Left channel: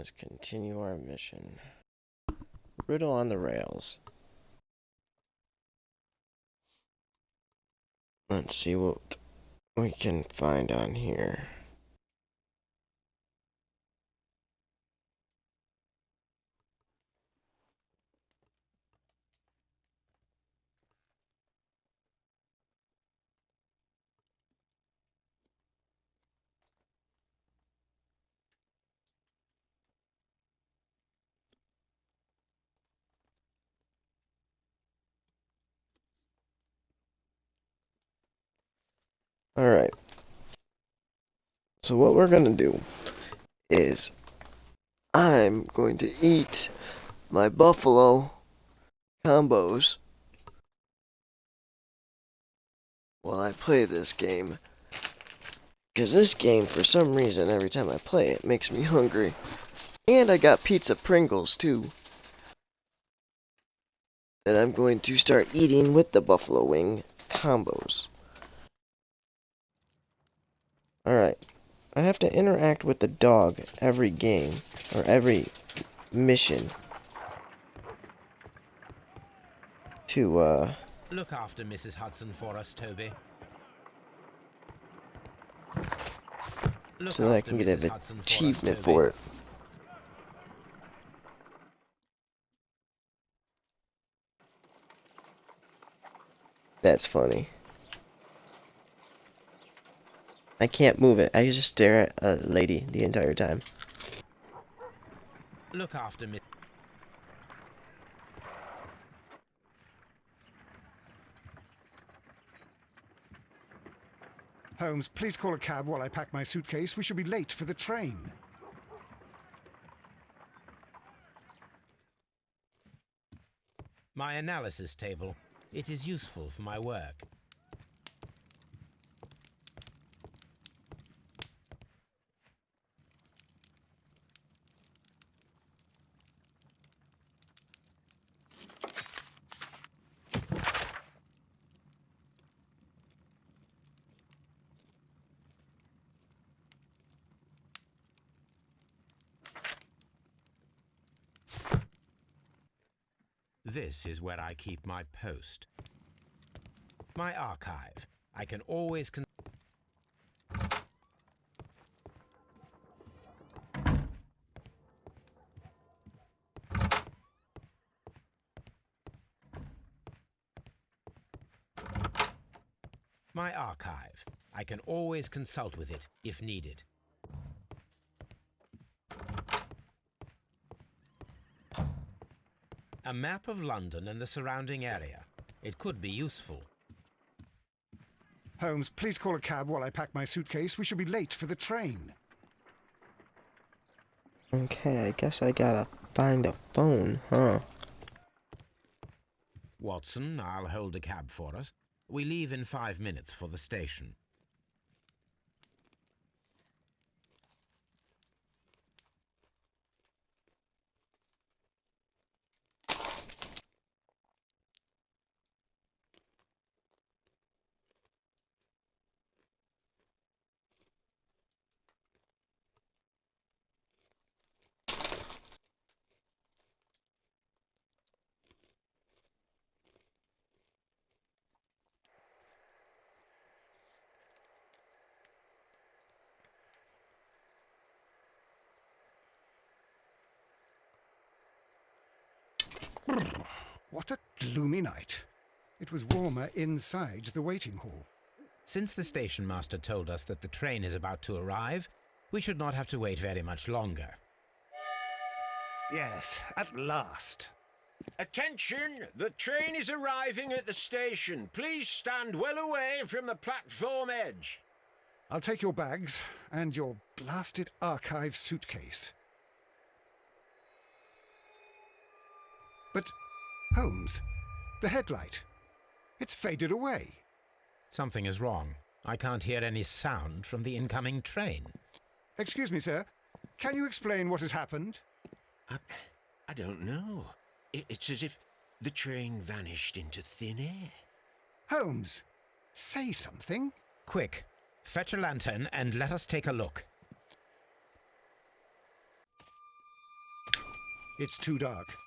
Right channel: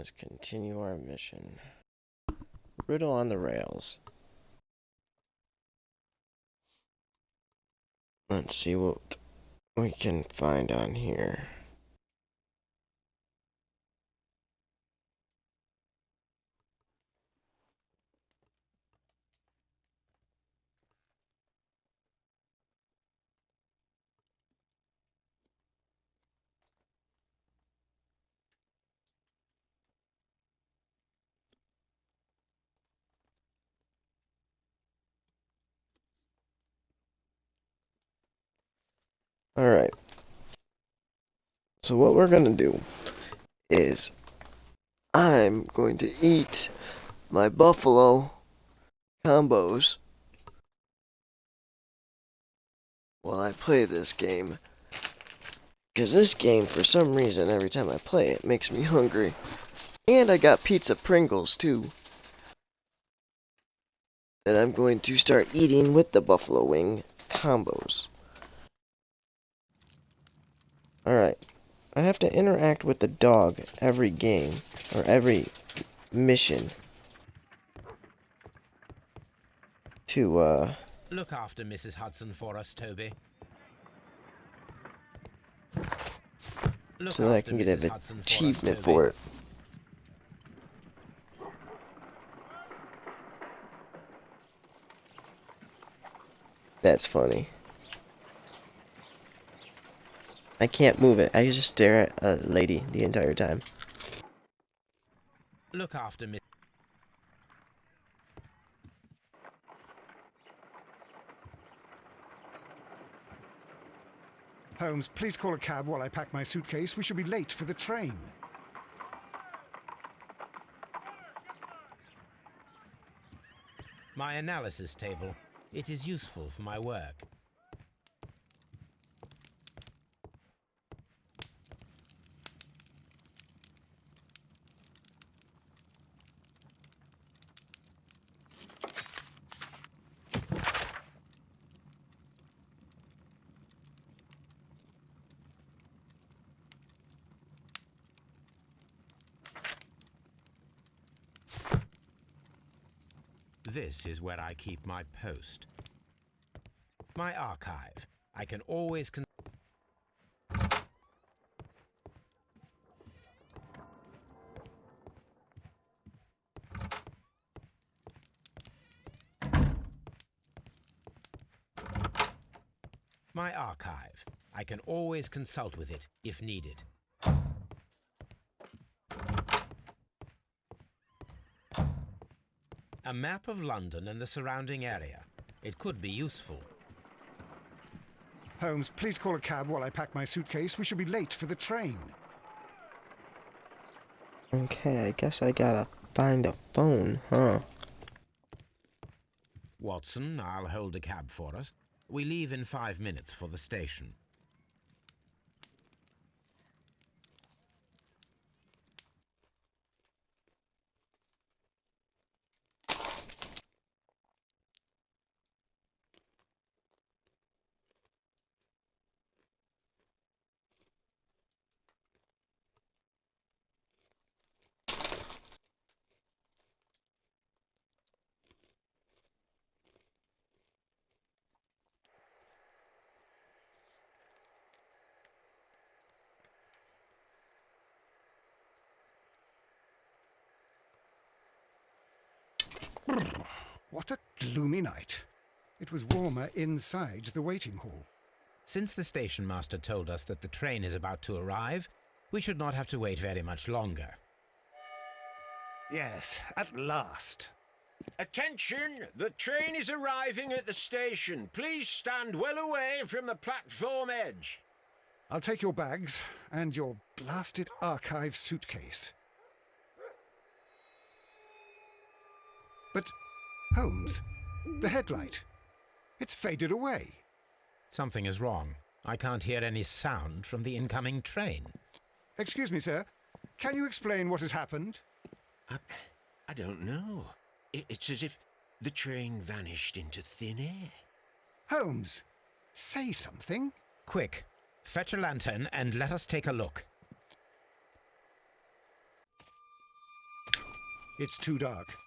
Let's continue our mission. Riddle on the rails. Let's see what we can find on here. Alright. So what we're going to do is I'm going to eat my buffalo combos while I play this game. Because this game, for some reason, every time I play it, makes me hungry. And I got pizza Pringles, too, that I'm going to start eating with the buffalo wing combos. Alright. I have to interact with the dog every game, or every mission. To, Look after Mrs. Hudson for us, Toby. so that I can get an achievement for it. That's funny. I can't move it. I just stare at a lady the entire time. Look after Miss. Holmes, please call a cab while I pack my suitcase. We should be late for the train. My analysis table. It is useful for my work. This is where I keep my post. My archive. I can always My archive. I can always consult with it if needed. A map of London and the surrounding area. It could be useful. Holmes, please call a cab while I pack my suitcase. We should be late for the train. Okay, I guess I gotta find a phone, huh? Watson, I'll hold a cab for us. We leave in 5 minutes for the station. What a gloomy night. It was warmer inside the waiting hall. Since the station master told us that the train is about to arrive, we should not have to wait very much longer. Yes, at last. Attention! The train is arriving at the station. Please stand well away from the platform edge. I'll take your bags and your blasted archive suitcase. But, Holmes, the headlight, it's faded away. Something is wrong. I can't hear any sound from the incoming train. Excuse me, sir. Can you explain what has happened? I don't know. It's as if the train vanished into thin air. Holmes, say something. Quick, fetch a lantern and let us take a look. It's too dark.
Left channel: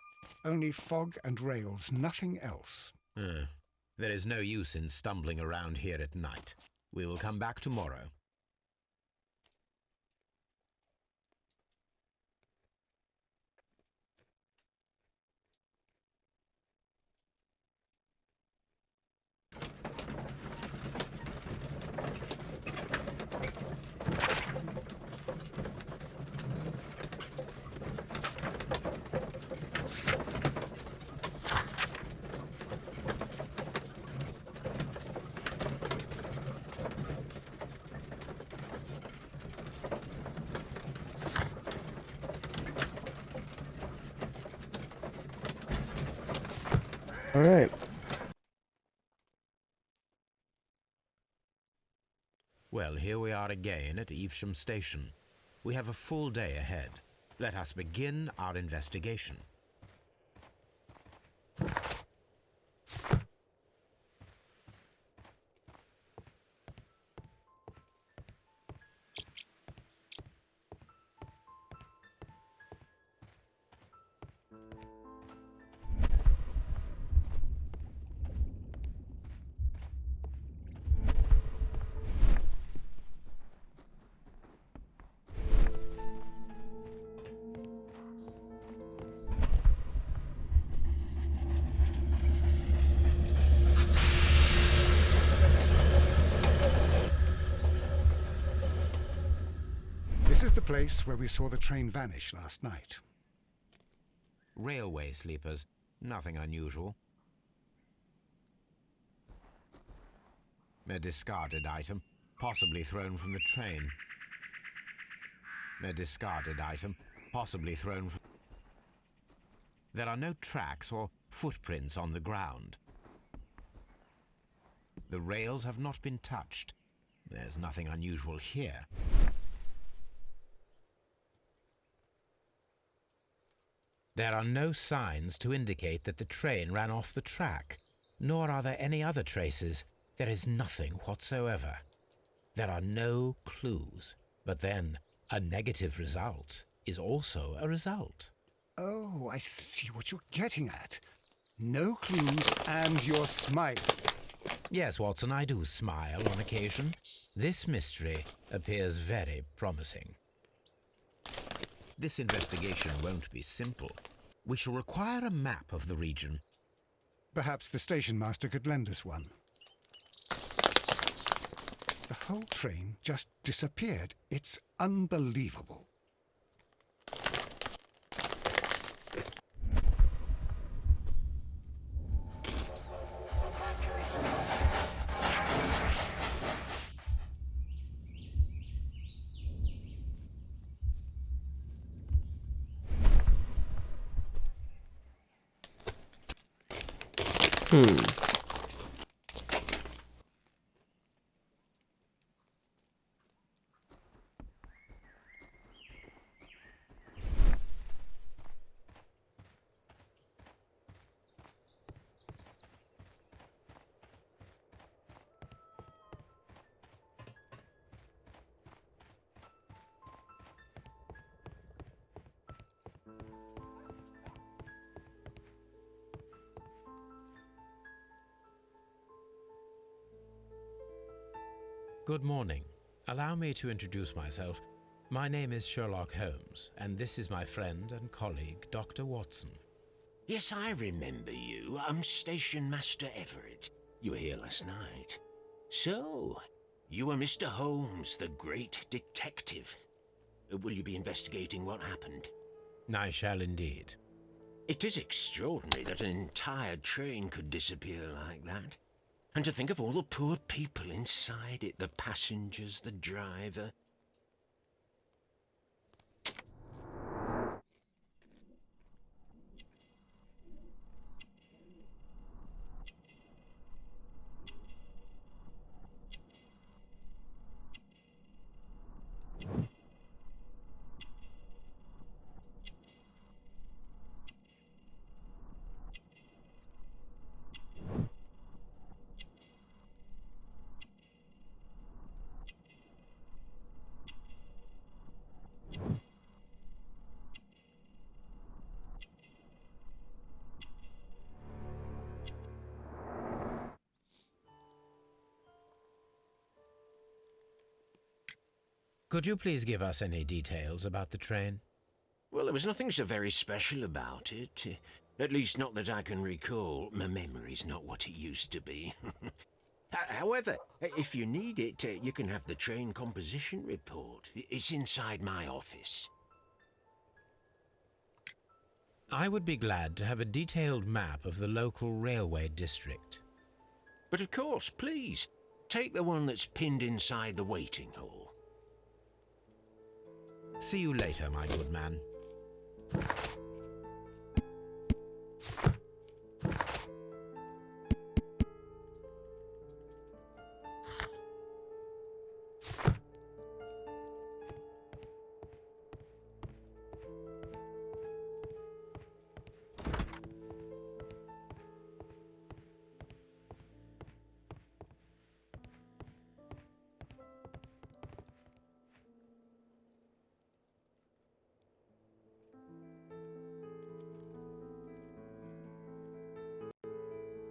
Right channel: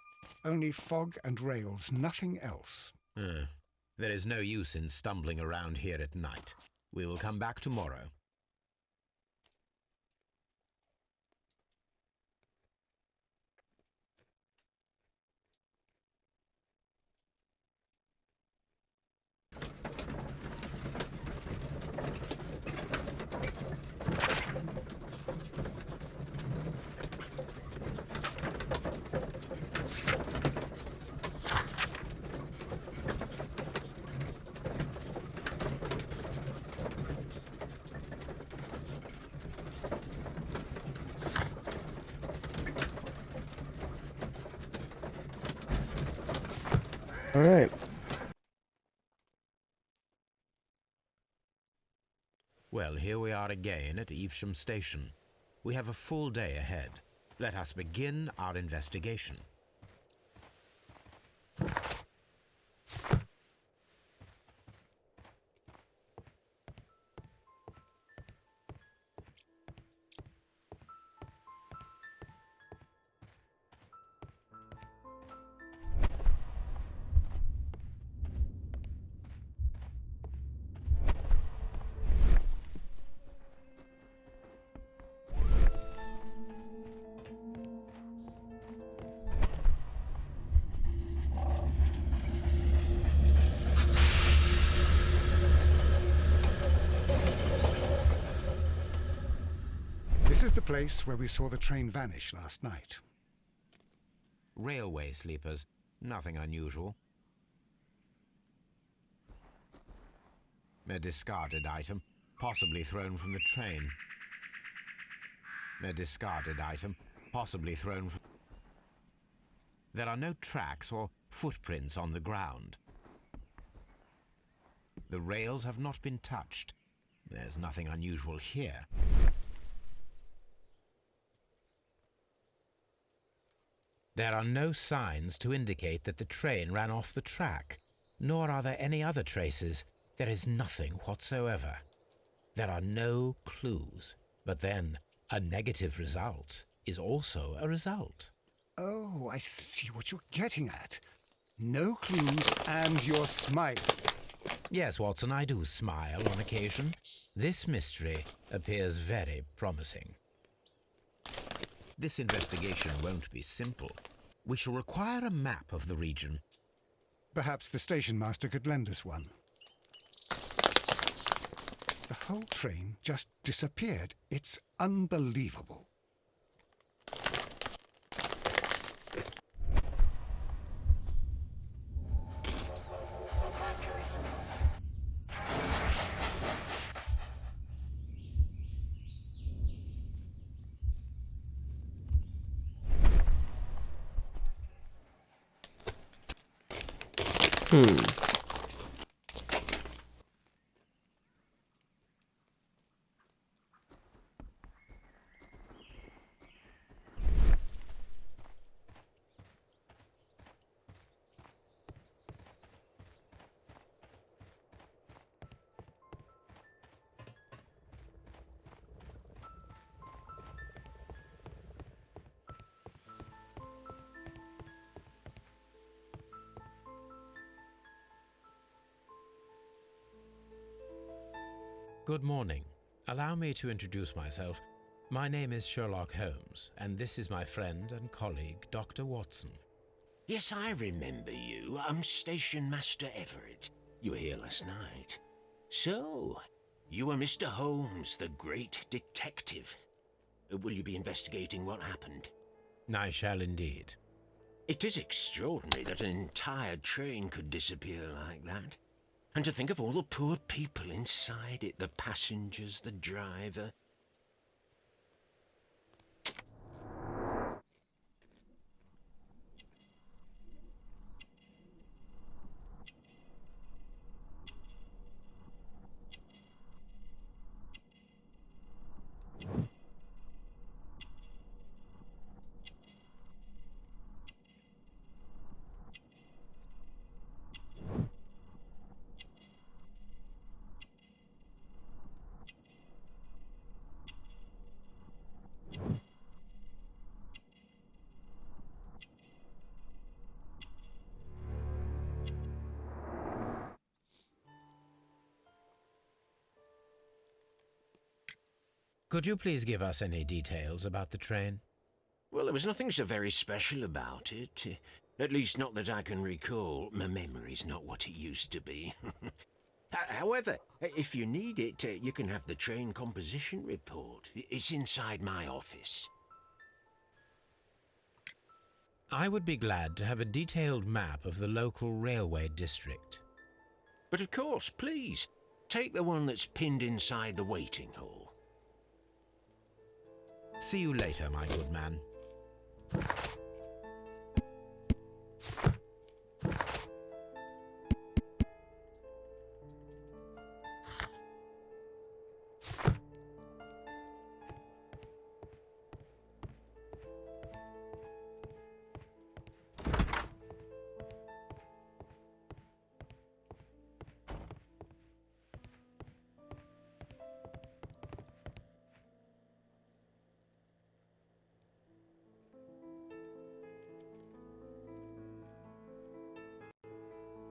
Only fog and rails, nothing else. There is no use in stumbling around here at night. We will come back tomorrow. All right. Well, here we are again at Evesham Station. We have a full day ahead. Let us begin our investigation. This is the place where we saw the train vanish last night. Railway sleepers. Nothing unusual. A discarded item, possibly thrown from the train. A discarded item, possibly thrown from... There are no tracks or footprints on the ground. The rails have not been touched. There's nothing unusual here. There are no signs to indicate that the train ran off the track, nor are there any other traces. There is nothing whatsoever. There are no clues. But then, a negative result is also a result. Oh, I see what you're getting at. No clues and you're smiling. Yes, Watson, I do smile on occasion. This mystery appears very promising. This investigation won't be simple. We shall require a map of the region. Perhaps the station master could lend us one. The whole train just disappeared. It's unbelievable. Good morning. Allow me to introduce myself. My name is Sherlock Holmes, and this is my friend and colleague, Dr. Watson. Yes, I remember you. I'm Station Master Everett. You were here last night. So, you are Mr. Holmes, the great detective. Will you be investigating what happened? I shall indeed. It is extraordinary that an entire train could disappear like that. And to think of all the poor people inside it, the passengers, the driver. Could you please give us any details about the train? Well, there was nothing so very special about it. At least not that I can recall. My memory's not what it used to be. However, if you need it, you can have the train composition report. It's inside my office. I would be glad to have a detailed map of the local railway district. But of course, please, take the one that's pinned inside the waiting hall. See you later, my good man.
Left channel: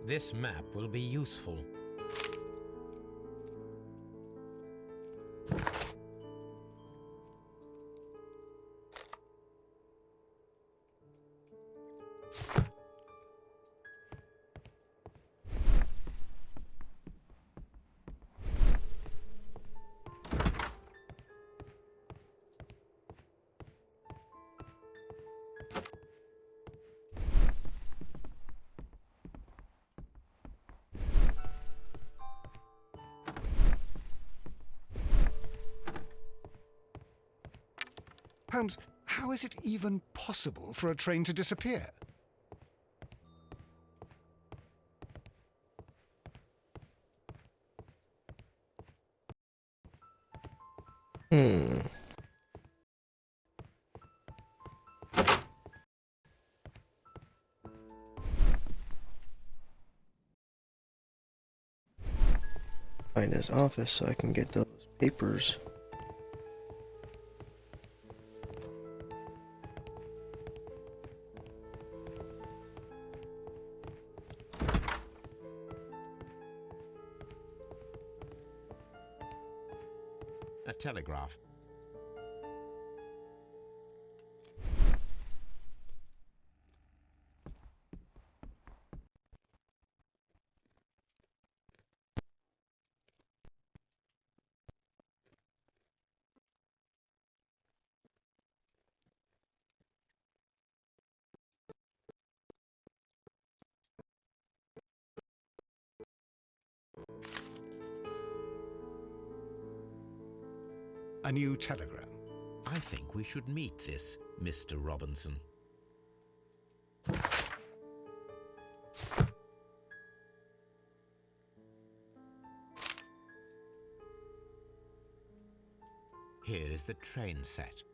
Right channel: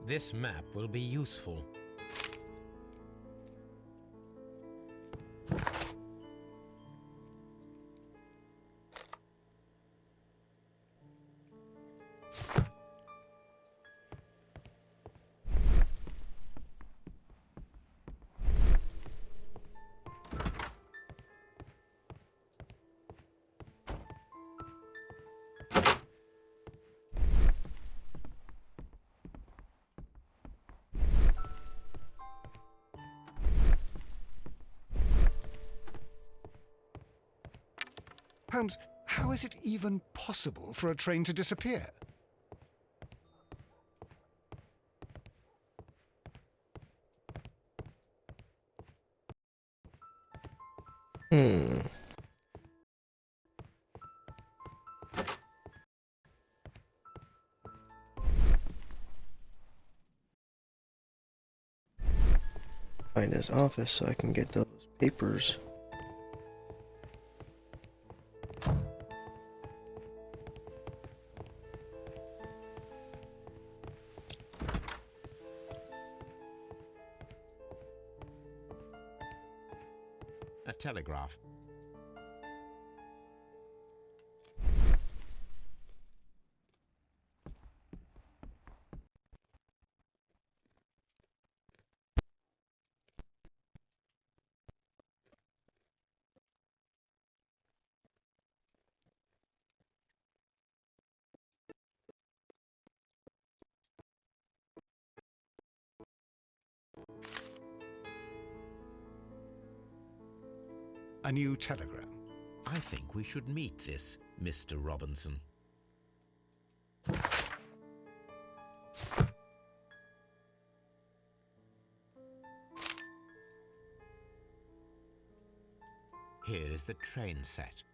This map will be useful. Holmes, how is it even possible for a train to disappear? Find his office so I can get those papers. A telegraph. A new telegram. I think we should meet this Mr. Robinson. Here is the train set.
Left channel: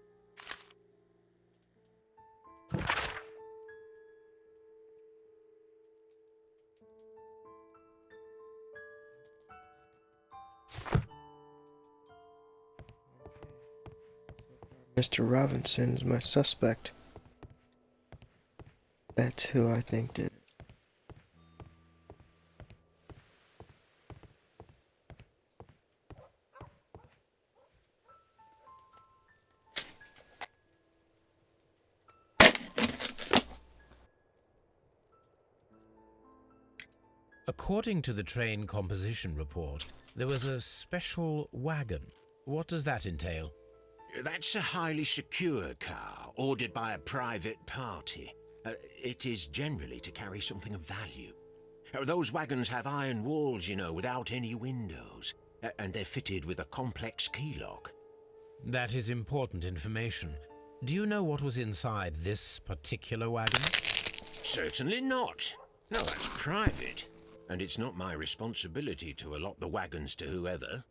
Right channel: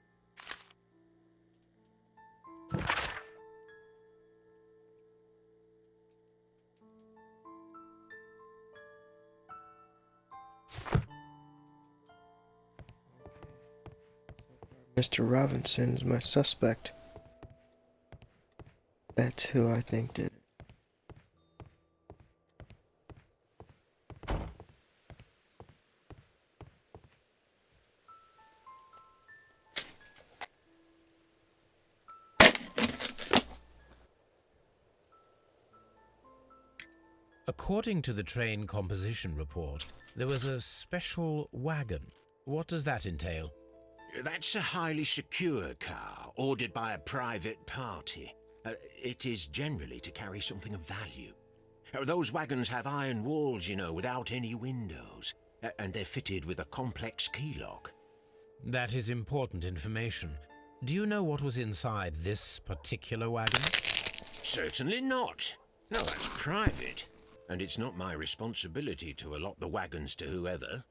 Mr. Robinson's my suspect. That's who I think did it. According to the train composition report, there was a special wagon. What does that entail? That's a highly secure car, ordered by a private party. It is generally to carry something of value. Those wagons have iron walls, you know, without any windows. And they're fitted with a complex key lock. That is important information. Do you know what was inside this particular wagon? Certainly not. No, that's private. And it's not my responsibility to allot the wagons to whoever.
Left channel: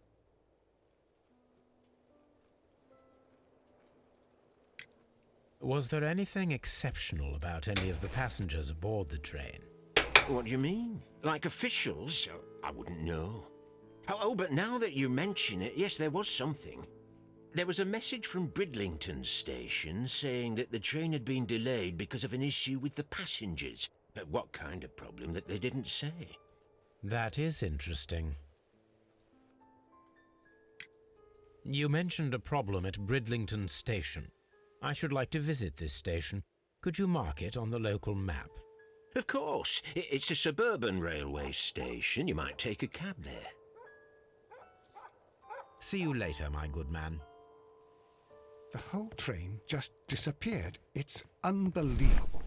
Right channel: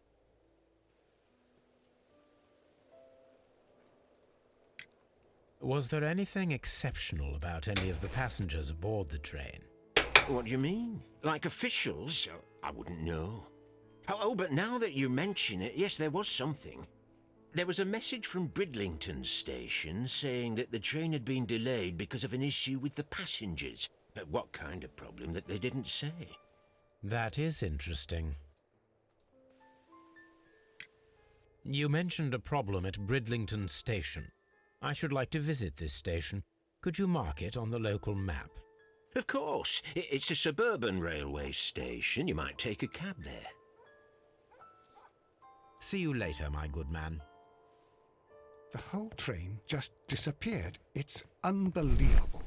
Was there anything exceptional about any of the passengers aboard the train? What do you mean? Like officials? I wouldn't know. Oh, but now that you mention it, yes, there was something. There was a message from Bridlington's station saying that the train had been delayed because of an issue with the passengers. But what kind of problem that they didn't say? That is interesting. You mentioned a problem at Bridlington Station. I should like to visit this station. Could you mark it on the local map? Of course, it's a suburban railway station. You might take a cab there. See you later, my good man. The whole train just disappeared. It's unbelievable.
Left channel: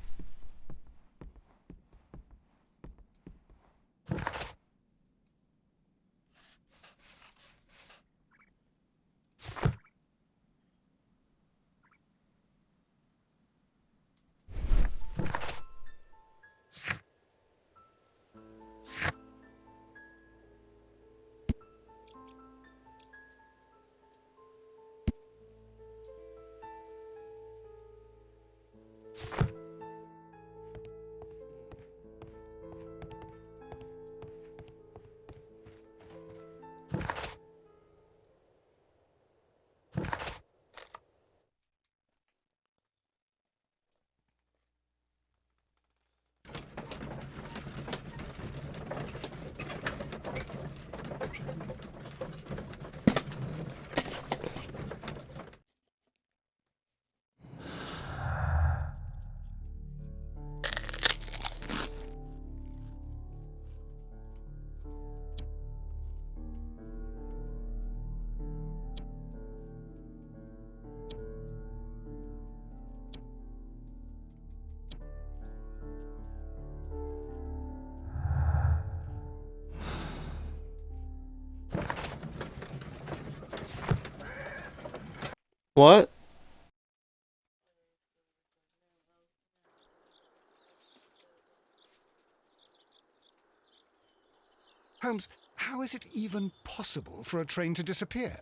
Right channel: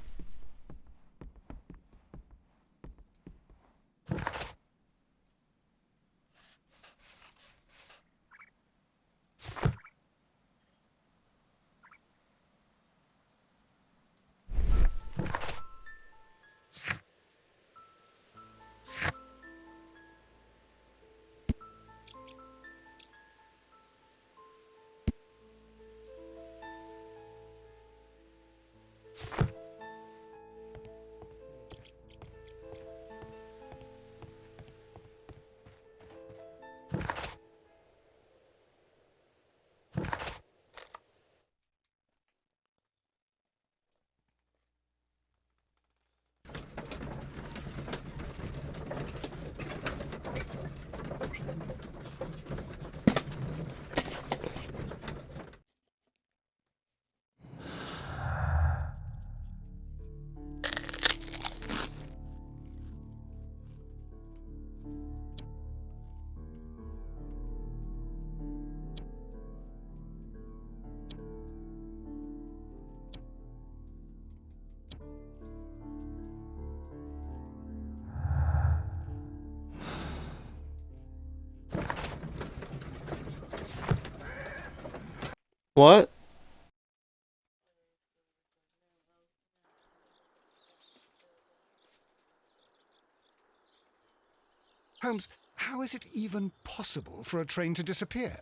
What? Holmes, how is it even possible for a train to disappear?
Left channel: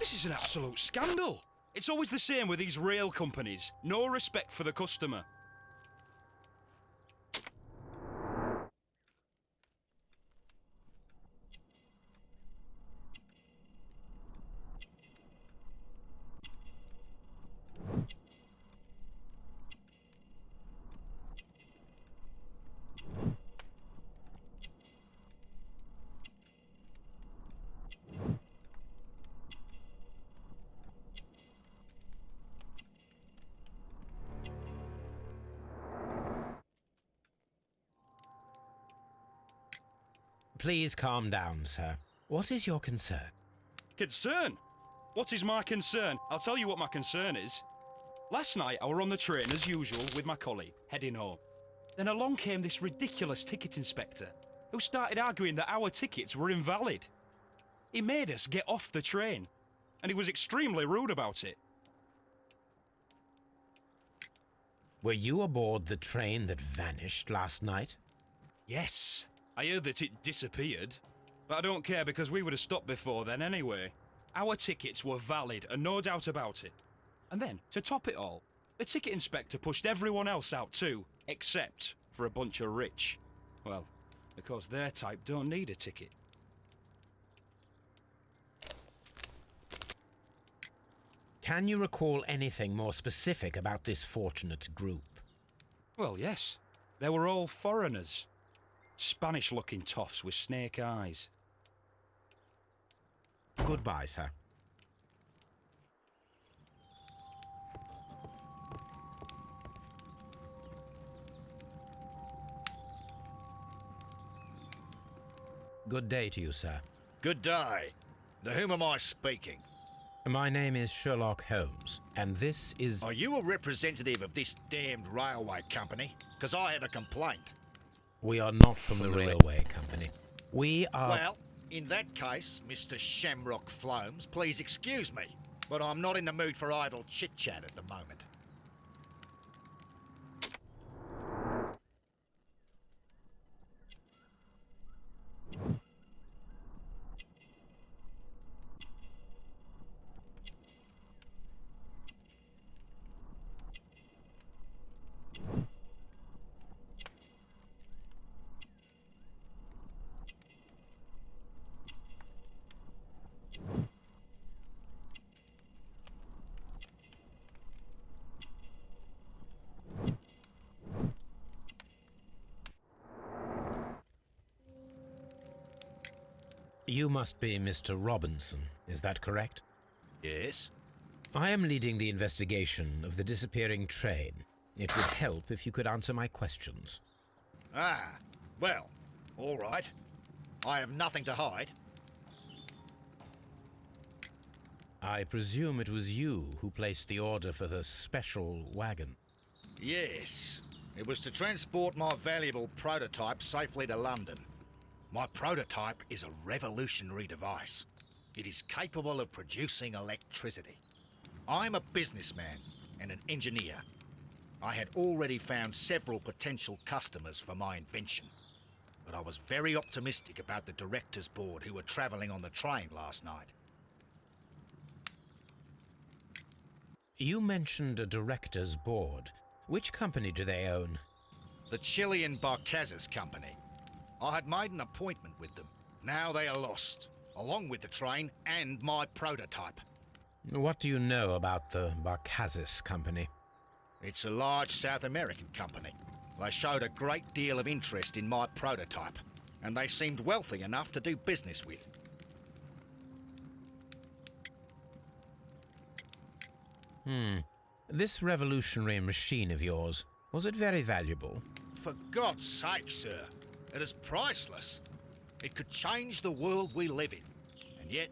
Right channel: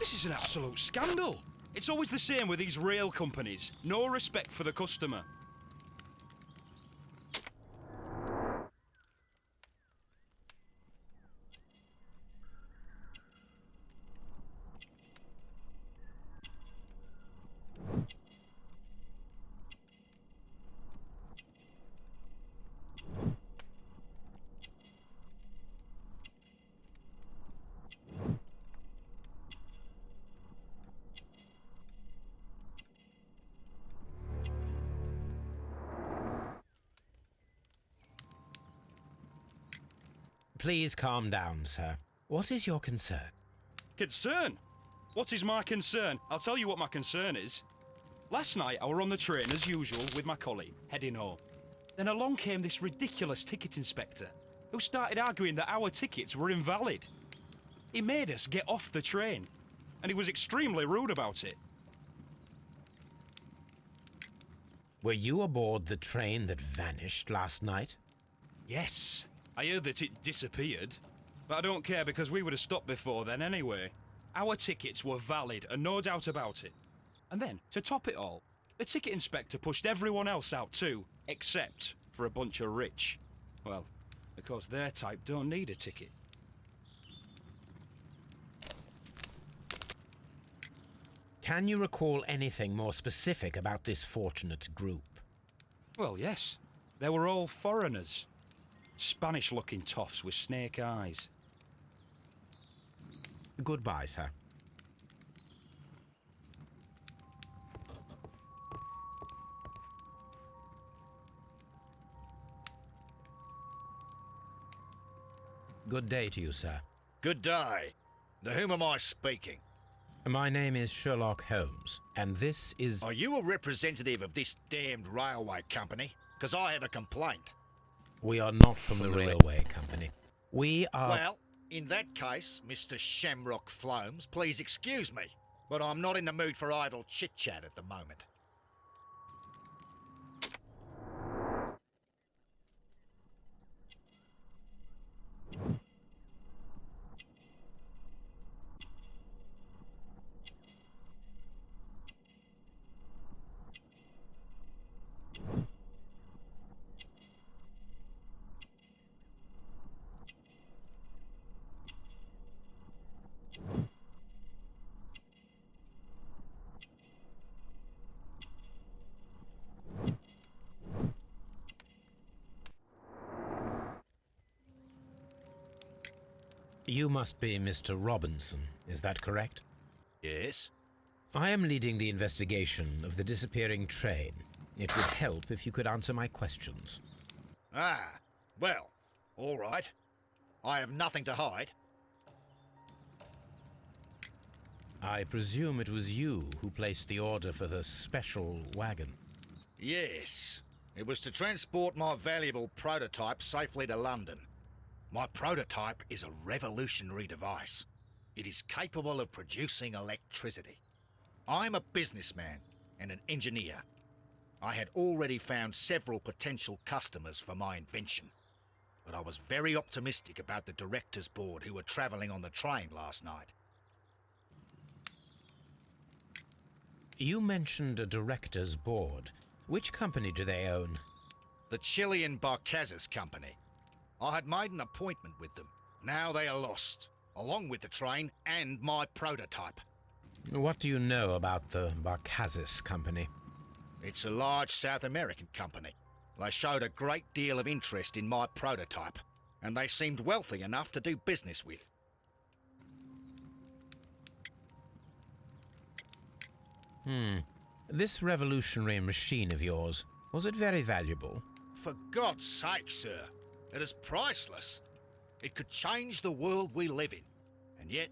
This is an absolute scandal. It's always the same with these rail companies. No respect for the customer. Please calm down, sir. What is your concern? Concern? What is my concern? I'll tell you what my concern is. Last night I were on the train as usual with my colleague, heading home. Then along came this ridiculous ticket inspector, who started arguing that our tickets were invalid. He made us get off the train, and he was extremely rude about it. Were you aboard the train that vanished last night? Yes, I heard that it disappeared. But I don't care because we would have stopped before then anyway. Our tickets were valid and no doubt about it. And then, to top it all, the ticket inspector pushed everyone else out too, except for a bunch of rich. Well, because their type don't need a ticket. Can you recall anything more specific about this fortunate group? Well, yes. They were all foreigners. Spanish-looking toffs with snake eyes. Goodbye, sir. Good day to you, sir. Good day. To whom am I speaking? My name is Sherlock Holmes, and this is... Are you a representative of this damned railway company? Because I have a complaint. We are not from the railway company. We are... Well, in that case, Mr. Shamrock Flomes, please excuse me, but I'm not in the mood for idle chit-chat at the moment. You must be Mr. Robinson, is that correct? Yes? I am leading the investigation of the disappearing train. It would help if you could answer my questions. Ah, well, all right. I have nothing to hide. I presume it was you who placed the order for the special wagon. Yes. It was to transport my valuable prototype safely to London. My prototype is a revolutionary device. It is capable of producing electricity. I'm a businessman and an engineer. I had already found several potential customers for my invention, but I was very optimistic about the directors' board who were travelling on the train last night. You mentioned a director's board. Which company do they own? The Chilean Barcazes Company. I had made an appointment with them. Now they are lost, along with the train and my prototype. What do you know about the Barcazes Company? It's a large South American company. They showed a great deal of interest in my prototype, and they seemed wealthy enough to do business with. This revolutionary machine of yours, was it very valuable? For God's sake, sir, it is priceless. It could change the world we live in, and yet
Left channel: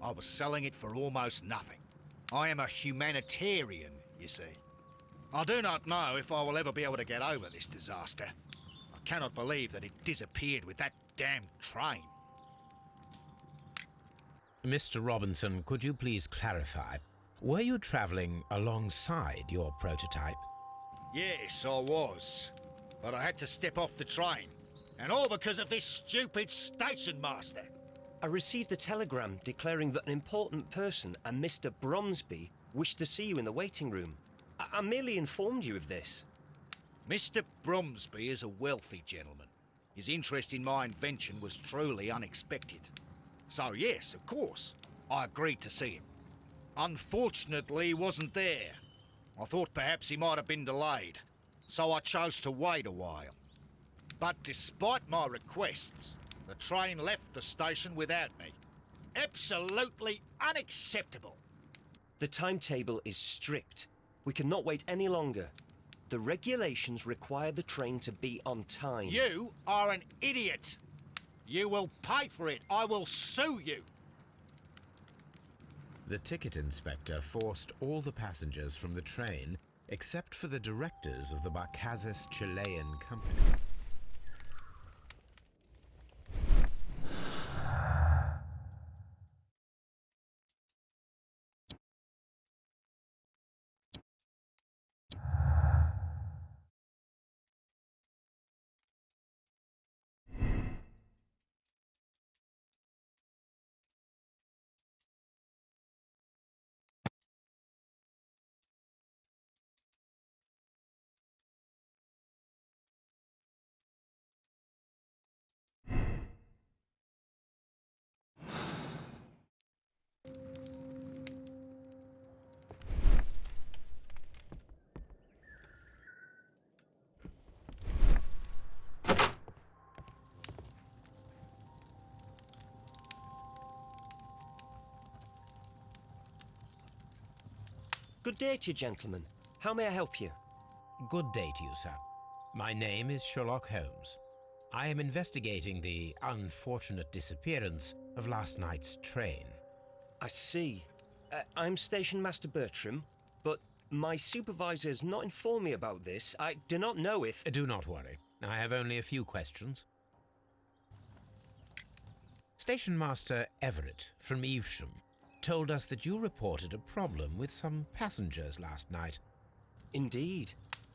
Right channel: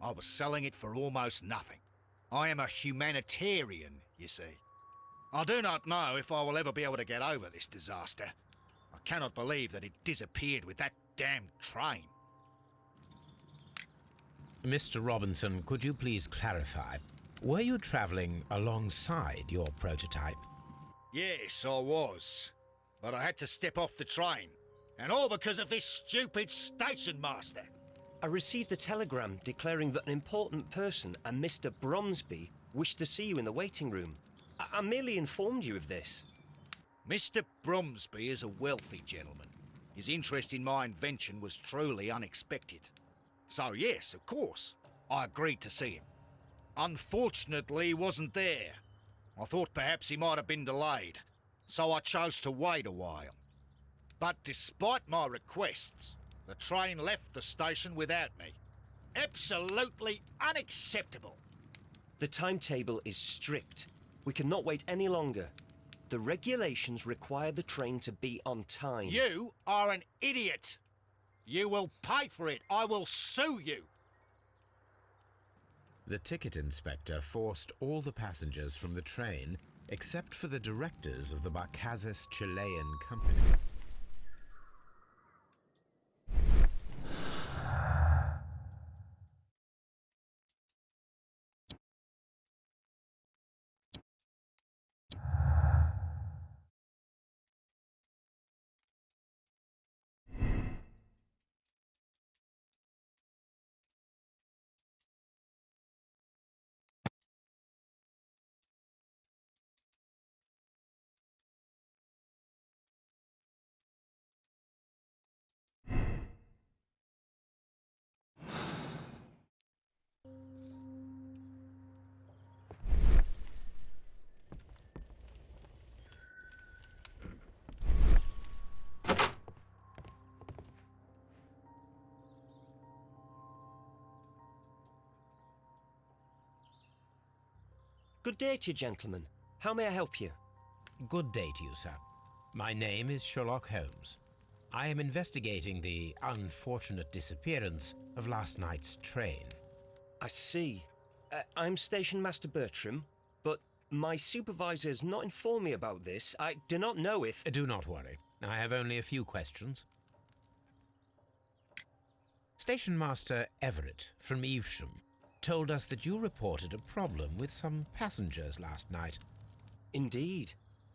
I was selling it for almost nothing. I am a humanitarian, you see. I do not know if I will ever be able to get over this disaster. I cannot believe that it disappeared with that damned train. Mr. Robinson, could you please clarify? Were you traveling alongside your prototype? Yes, I was. But I had to step off the train. And all because of this stupid station master. I received a telegram declaring that an important person, a Mr. Bromsby, wished to see you in the waiting room. I merely informed you of this. Mr. Bromsby is a wealthy gentleman. His interest in my invention was truly unexpected. So yes, of course, I agreed to see him. Unfortunately, he wasn't there. I thought perhaps he might have been delayed, so I chose to wait a while. But despite my requests, the train left the station without me. Absolutely unacceptable. The timetable is strict. We cannot wait any longer. The regulations require the train to be on time. You are an idiot. You will pay for it. I will sue you. The ticket inspector forced all the passengers from the train except for the directors of the Barcazes Chilean Company. Good day to you, gentlemen. How may I help you? Good day to you, sir. My name is Sherlock Holmes. I am investigating the unfortunate disappearance of last night's train. I see. I'm Station Master Bertram, but my supervisor has not informed me about this. I do not know if... Do not worry. I have only a few questions. Station Master Everett from Evesham told us that you reported a problem with some passengers last night. Indeed.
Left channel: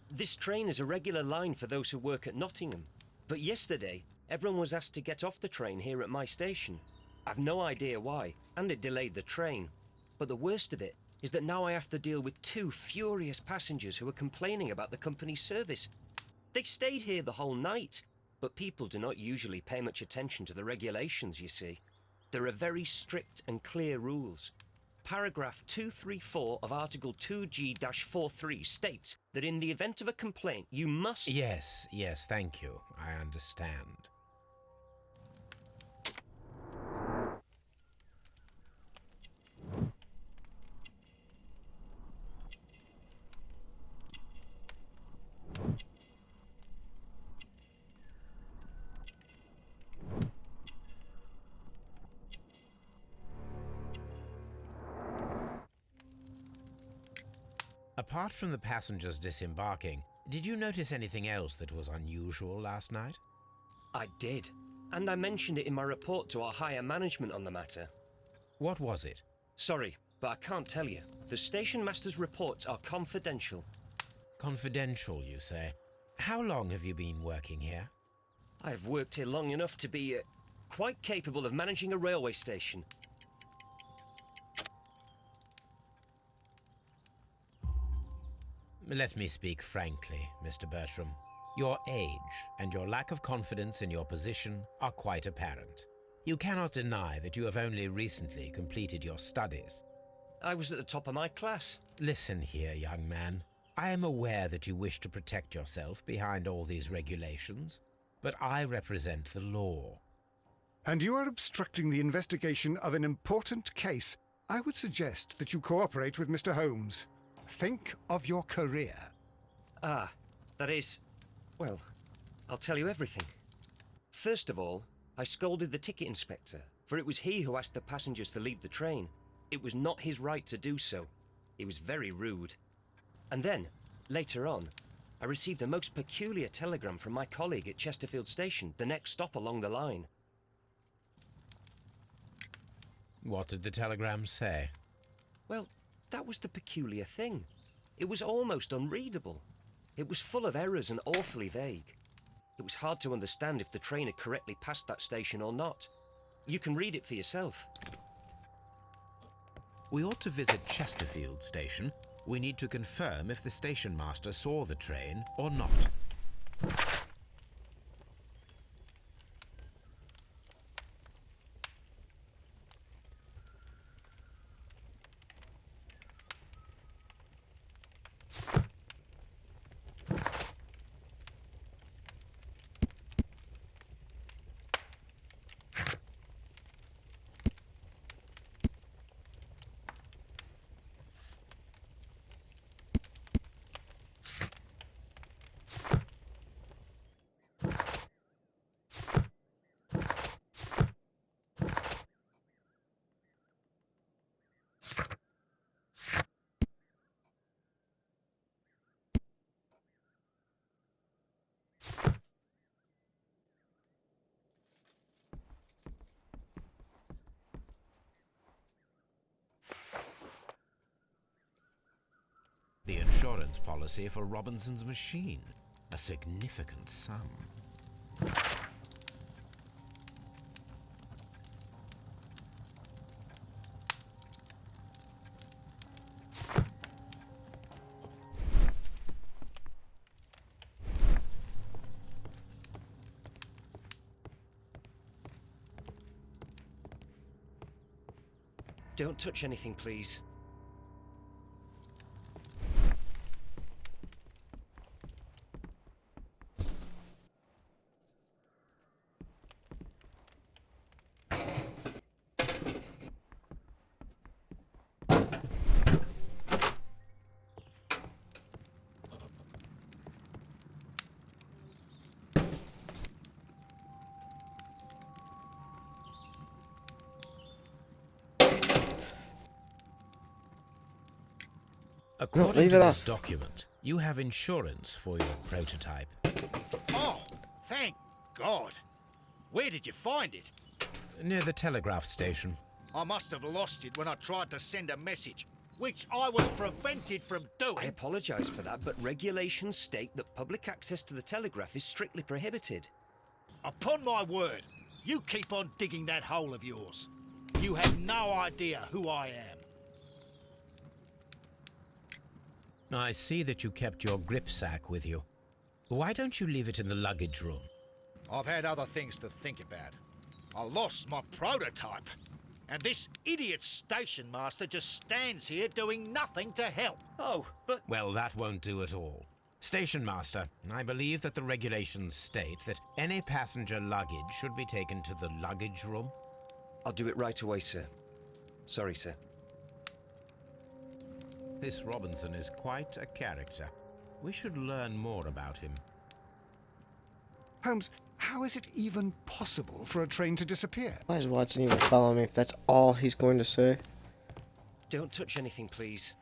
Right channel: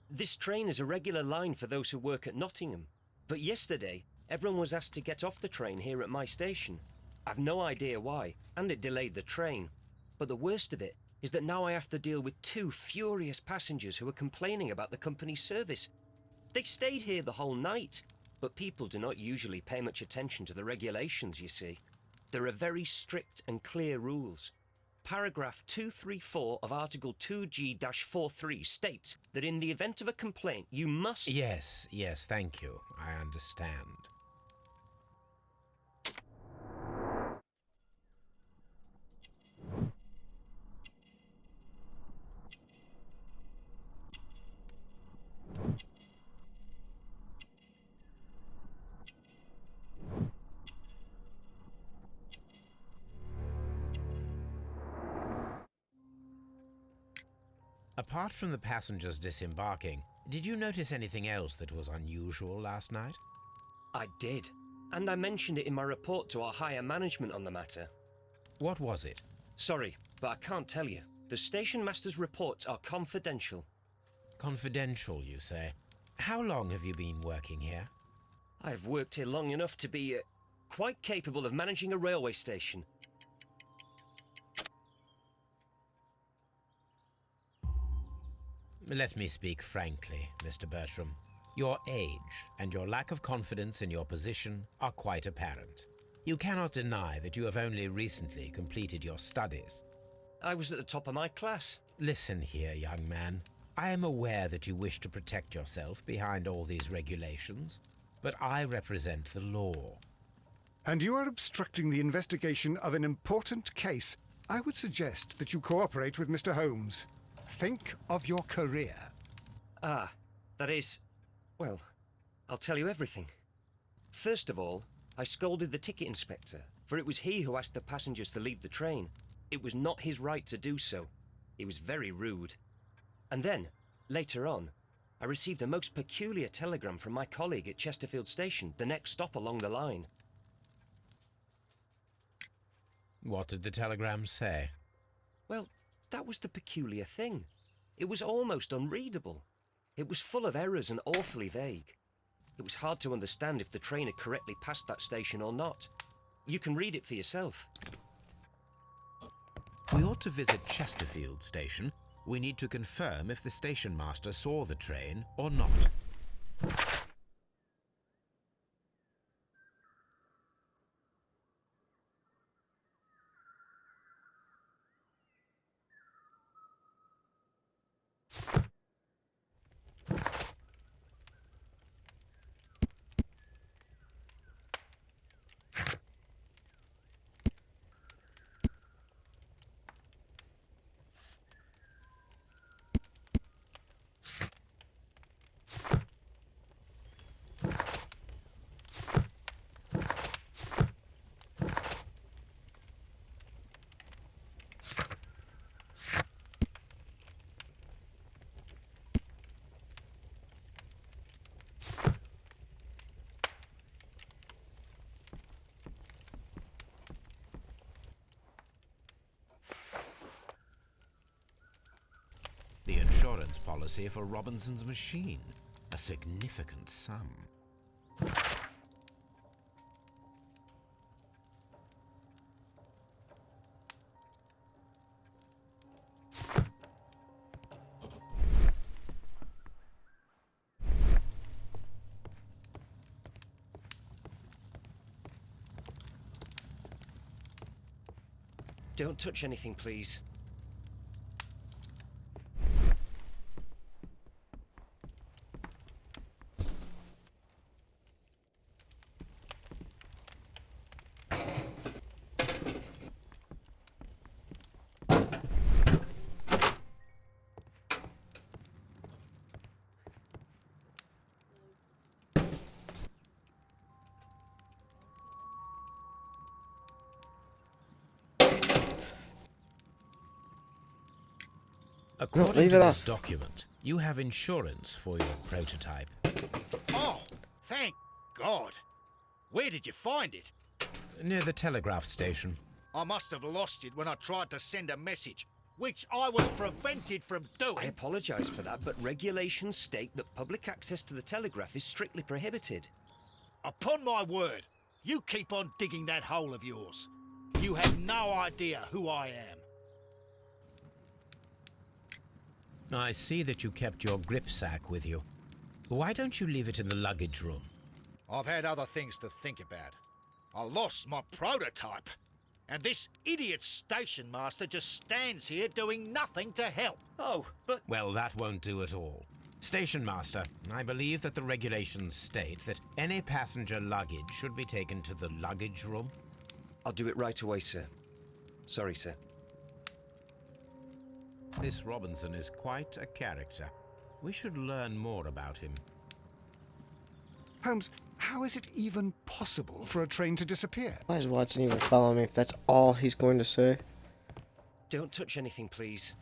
This train is a regular line for those who work at Nottingham. But yesterday, everyone was asked to get off the train here at my station. I've no idea why, and it delayed the train. But the worst of it is that now I have to deal with two furious passengers who are complaining about the company's service. They stayed here the whole night, but people do not usually pay much attention to the regulations, you see. There are very strict and clear rules. Paragraph 234 of Article 2G-43 states that in the event of a complaint, you must... Yes, thank you. I understand. Apart from the passengers disembarking, did you notice anything else that was unusual last night? I did, and I mentioned it in my report to our higher management on the matter. What was it? Sorry, but I can't tell you. The station master's reports are confidential. Confidential, you say? How long have you been working here? I've worked here long enough to be quite capable of managing a railway station. Let me speak frankly, Mr. Bertram. Your age and your lack of confidence in your position are quite apparent. You cannot deny that you have only recently completed your studies. I was at the top of my class. Listen here, young man. I am aware that you wish to protect yourself behind all these regulations, but I represent the law. And you are obstructing the investigation of an important case. I would suggest that you cooperate with Mr. Holmes. Think of your career. Ah, that is... well, I'll tell you everything. First of all, I scolded the ticket inspector, for it was he who asked the passengers to leave the train. It was not his right to do so. He was very rude. And then, later on, I received a most peculiar telegram from my colleague at Chesterfield Station, the next stop along the line. What did the telegram say? Well, that was the peculiar thing. It was almost unreadable. It was full of errors and awfully vague. It was hard to understand if the train had correctly passed that station or not. You can read it for yourself. We ought to visit Chesterfield Station. We need to confirm if the station master saw the train or not. The insurance policy for Robinson's machine. A significant sum. Don't touch anything, please. According leave to it this off. document, you have insurance for your prototype. Oh, thank God. Where did you find it? Near the telegraph station. I must have lost it when I tried to send a message, which I was prevented from I doing. apologise for that, but regulations state that public access to the telegraph is strictly prohibited. Upon my word, you keep on digging that hole of yours. You have no idea who I am. I see that you kept your grip sack with you. Why don't you leave it in the luggage room? I've had other things to think about. I lost my prototype. And this idiot station master just stands here doing nothing to help. Oh, but... Well, that won't do at all. Station master, I believe that the regulations state that any passenger luggage should be taken to the luggage room. I'll do it right away, sir. Sorry, sir. This Robinson is quite a character. We should learn more about him. Holmes, how is it even possible for a train to disappear? Why is Watson even following me if that's all he's going to say? Don't touch anything, please.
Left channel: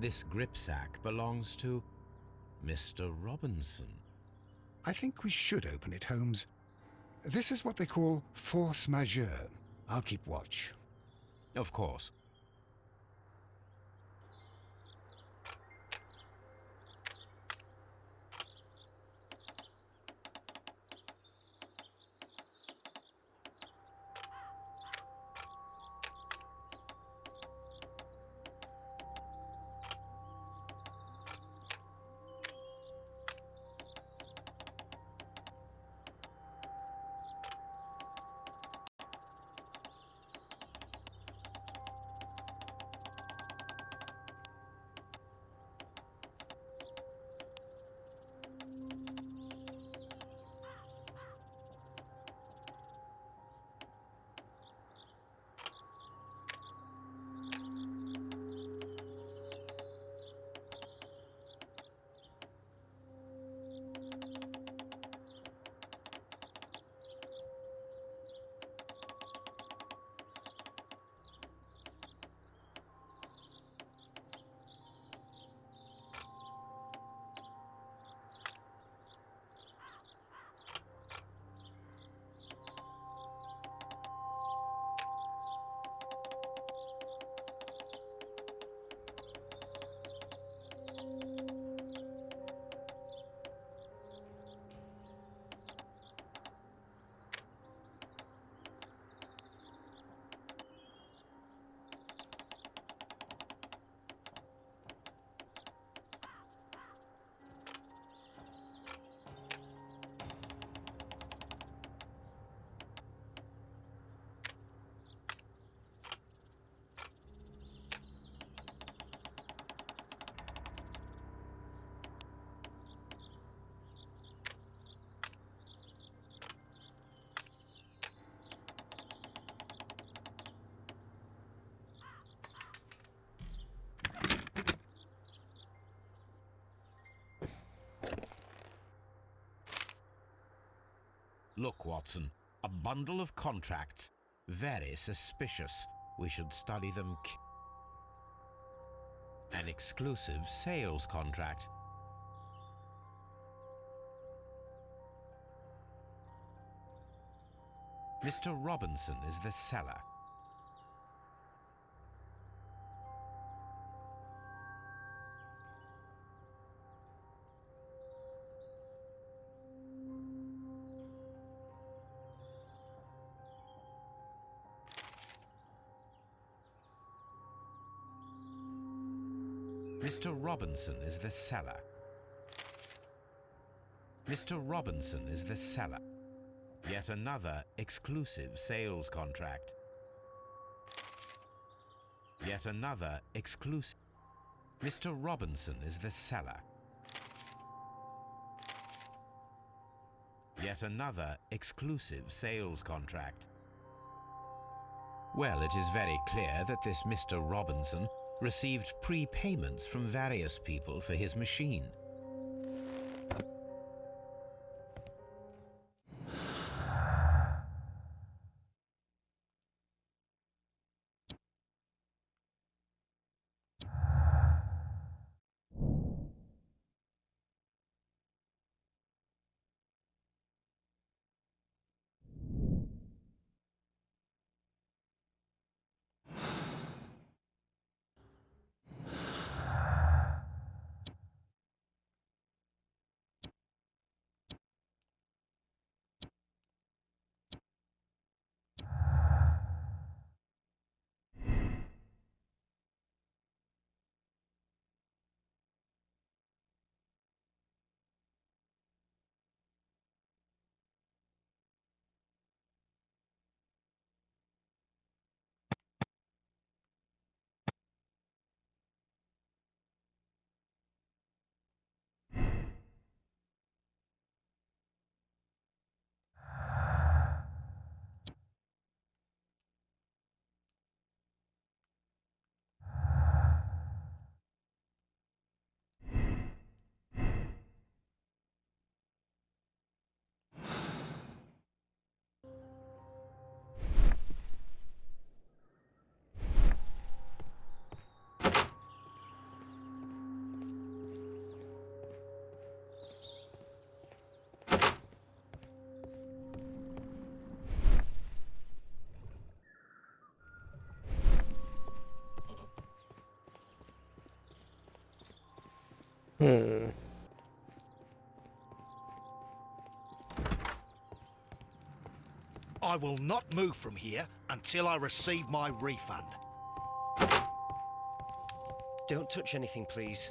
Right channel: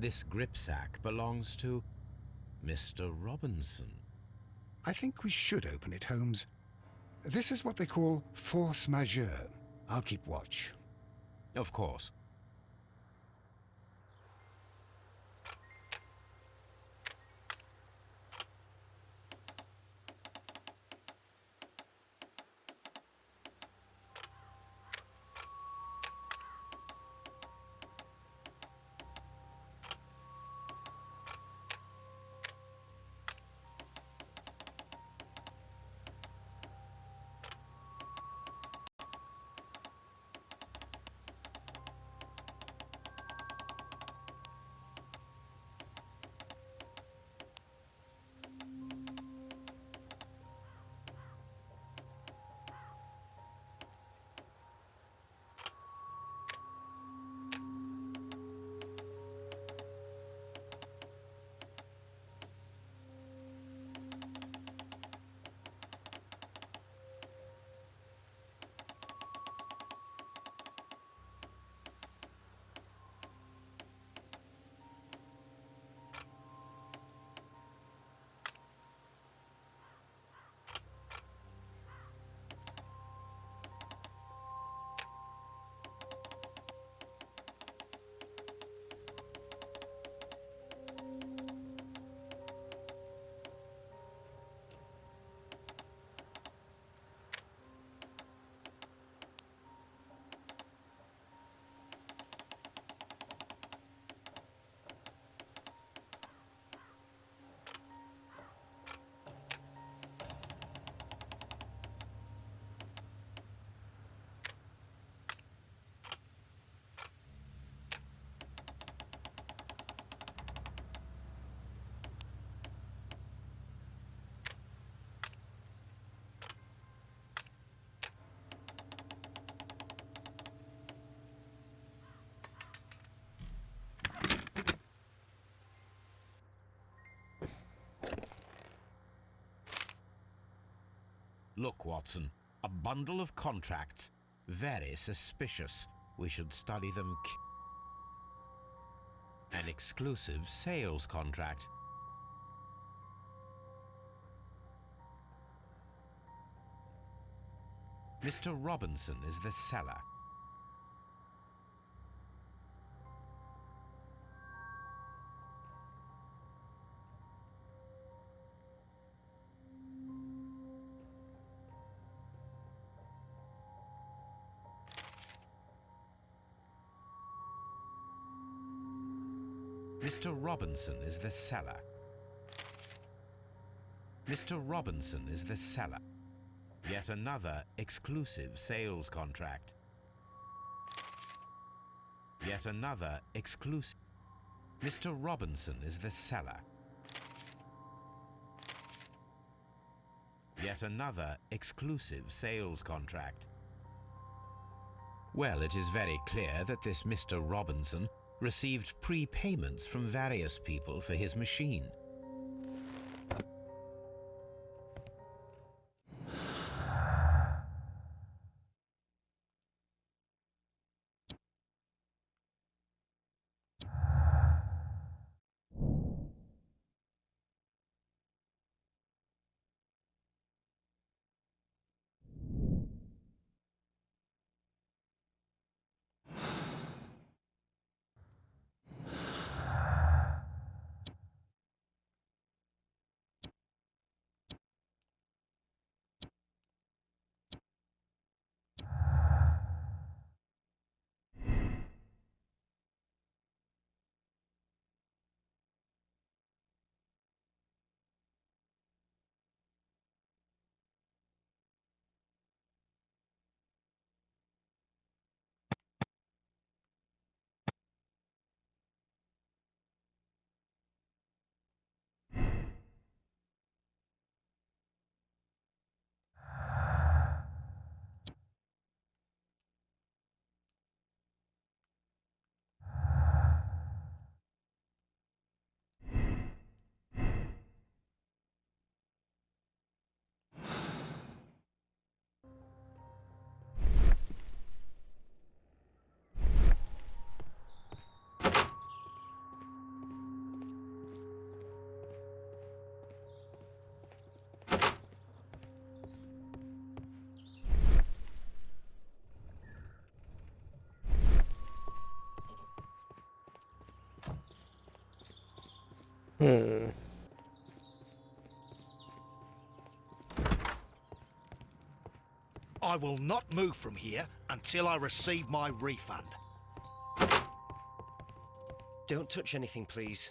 This gripsack belongs to Mr. Robinson. I think we should open it, Holmes. This is what they call force majeure. I'll keep watch. Of course. Look, Watson, a bundle of contracts. Very suspicious. We should study them. An exclusive sales contract. Mr. Robinson is the seller. Mr. Robinson is the seller. Mr. Robinson is the seller. Yet another exclusive sales contract. Yet another exclusive. Mr. Robinson is the seller. Yet another exclusive sales contract. Well, it is very clear that this Mr. Robinson received prepayments from various people for his machine. I will not move from here until I receive my refund. Don't touch anything, please.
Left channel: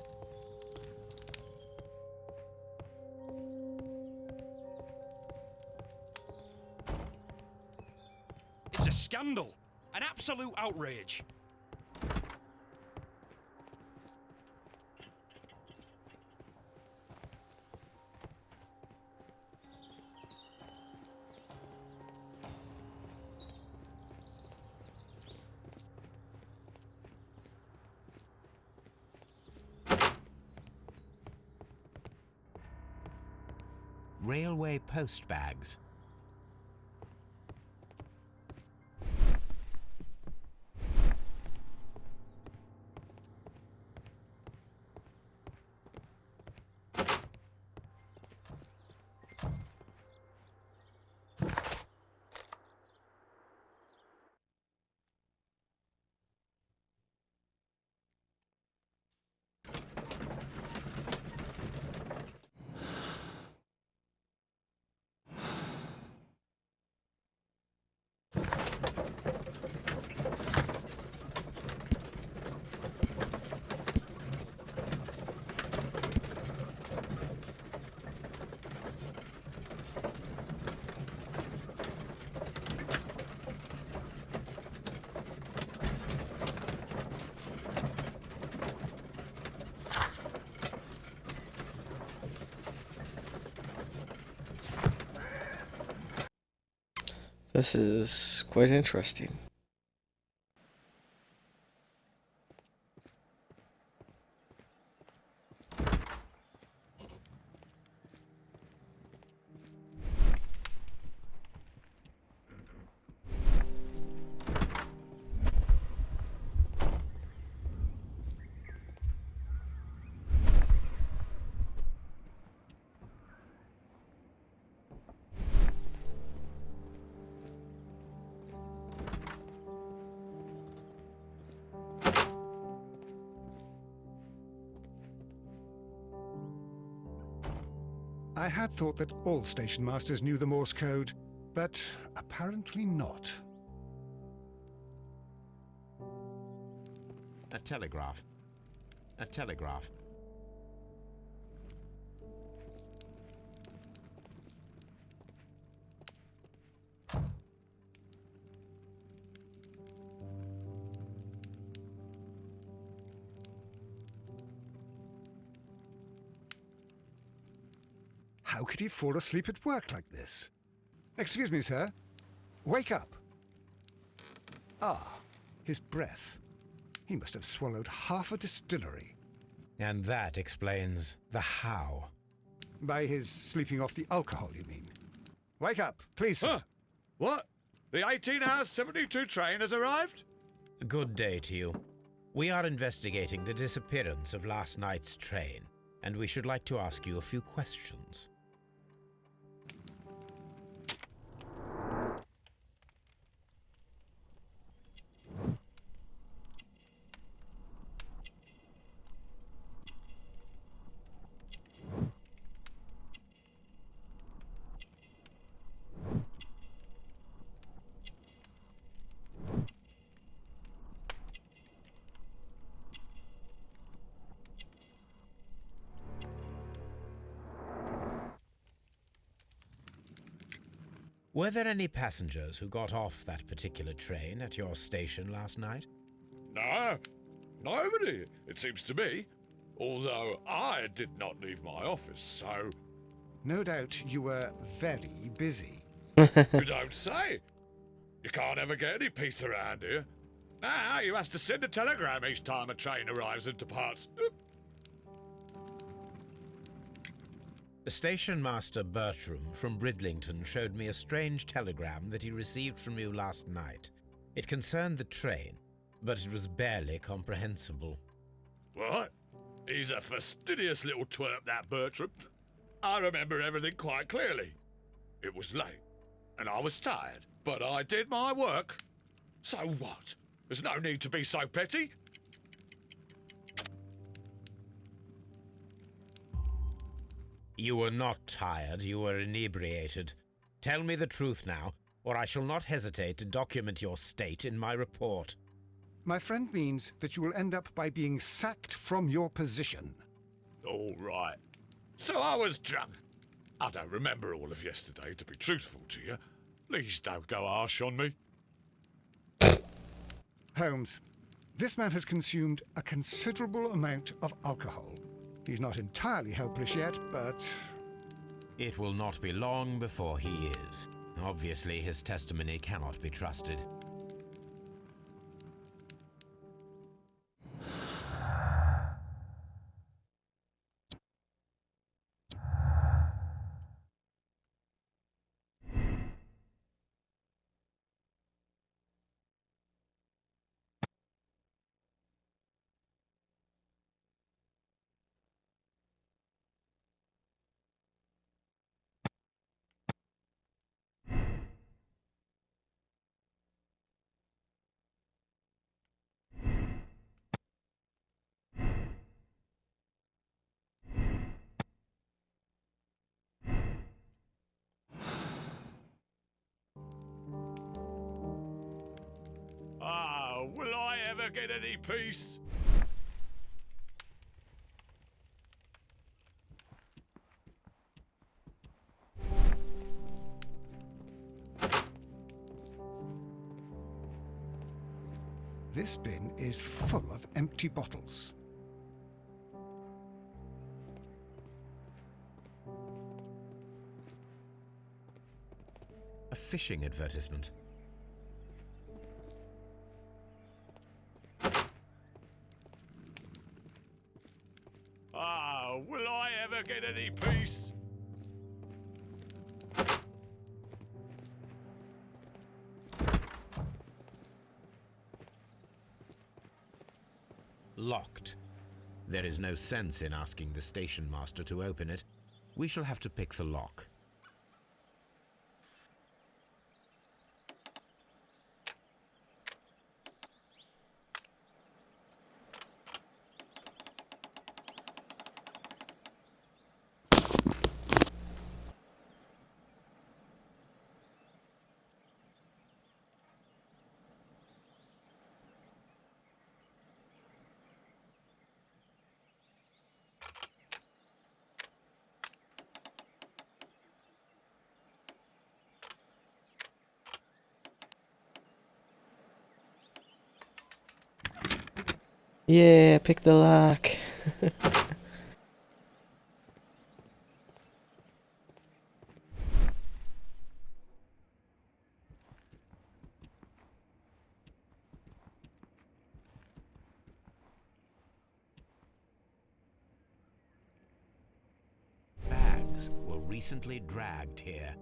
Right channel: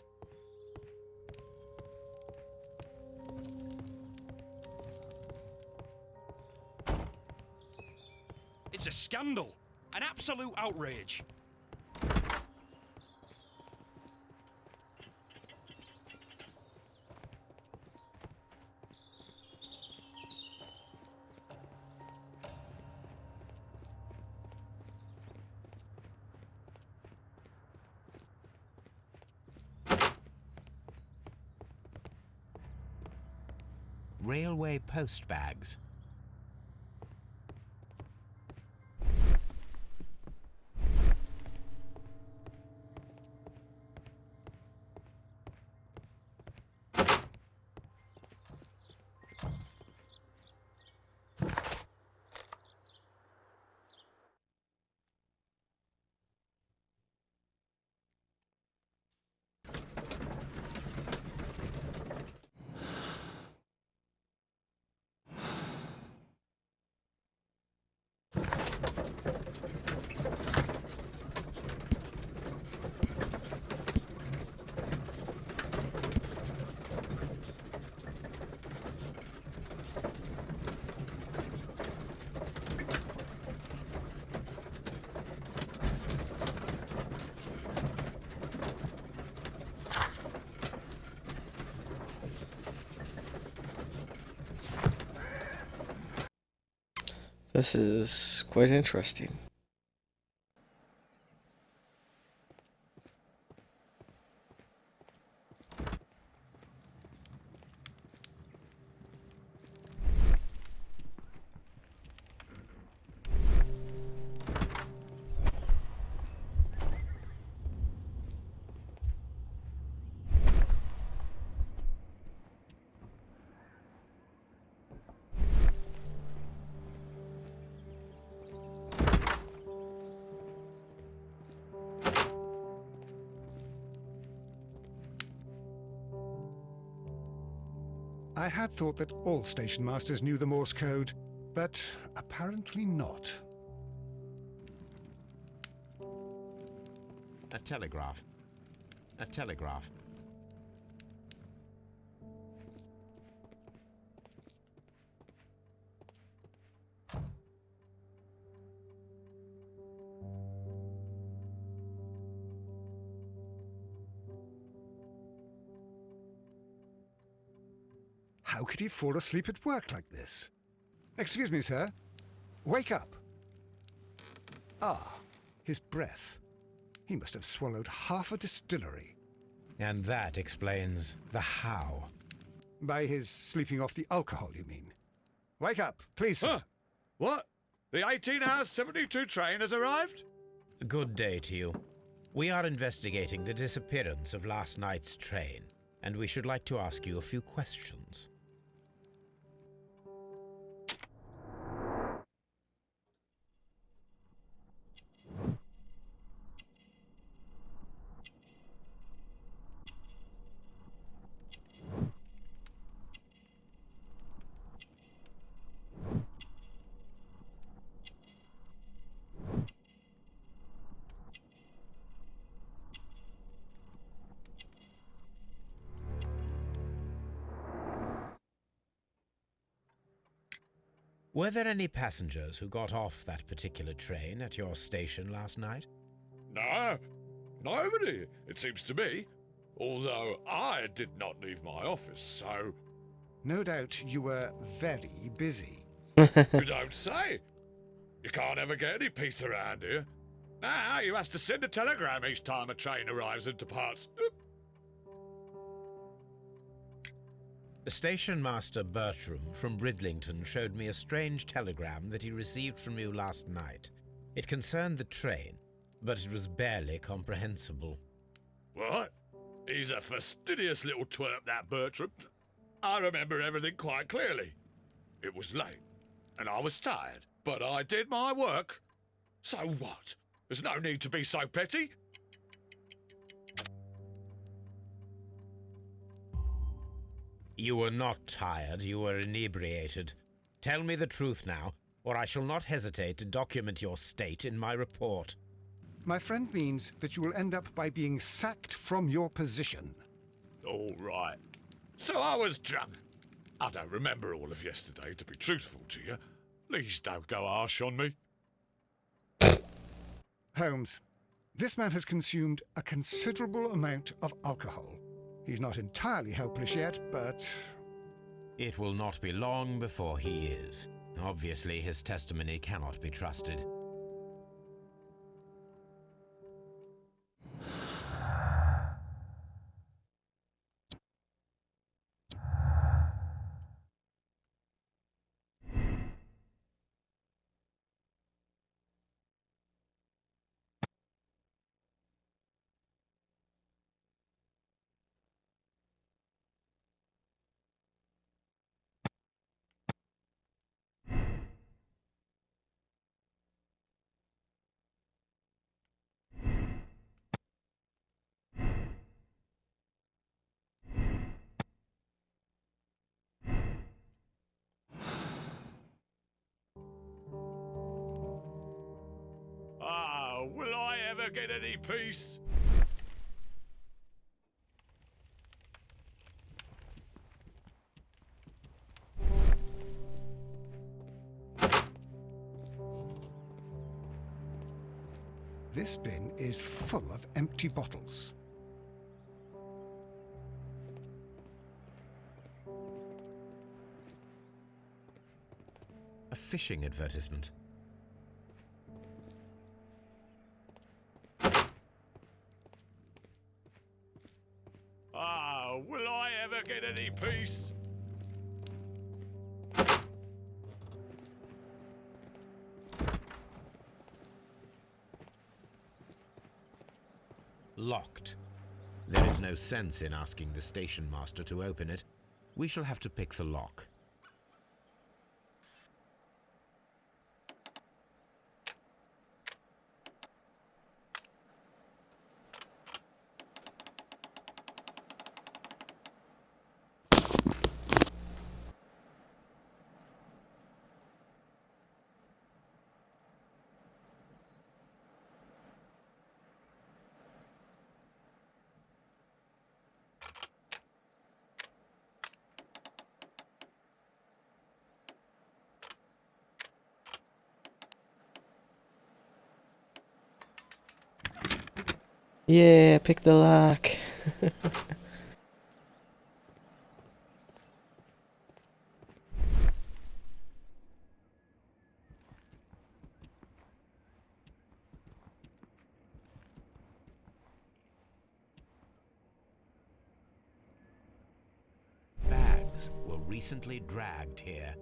It's a scandal. An absolute outrage. Railway post bags. This is quite interesting. I had thought that all station masters knew the Morse code, but apparently not. A telegraph. A telegraph. How could he fall asleep at work like this? Excuse me, sir. Wake up. Ah, his breath. He must have swallowed half a distillery. And that explains the how. By his sleeping off the alcohol, you mean? Wake up, please, sir. Huh? What? The 18 hours 72 train has arrived? Good day to you. We are investigating the disappearance of last night's train, and we should like to ask you a few questions. Were there any passengers who got off that particular train at your station last night? No, nobody, it seems to me. Although I did not leave my office, so... No doubt you were very busy. You don't say. You can't ever get any peace around here. Now you have to send a telegram each time a train arrives and departs. Oop. Station Master Bertram from Bridlington showed me a strange telegram that he received from you last night. It concerned the train, but it was barely comprehensible. What? He's a fastidious little twerp, that Bertram. I remember everything quite clearly. It was late, and I was tired, but I did my work. So what? There's no need to be so petty. You were not tired, you were inebriated. Tell me the truth now, or I shall not hesitate to document your state in my report. My friend means that you will end up by being sacked from your position. All right. So I was drunk. I don't remember all of yesterday, to be truthful to you. Please don't go harsh on me. Holmes, this man has consumed a considerable amount of alcohol. He's not entirely helpless yet, but... It will not be long before he is. Obviously, his testimony cannot be trusted. Ah, will I ever get any peace? this bin is full of empty bottles. A fishing advertisement. Ah, will I ever get any peace? Locked. There is no sense in asking the station master to open it. We shall have to pick the lock. Yeah, pick the lock. Bags were recently dragged here.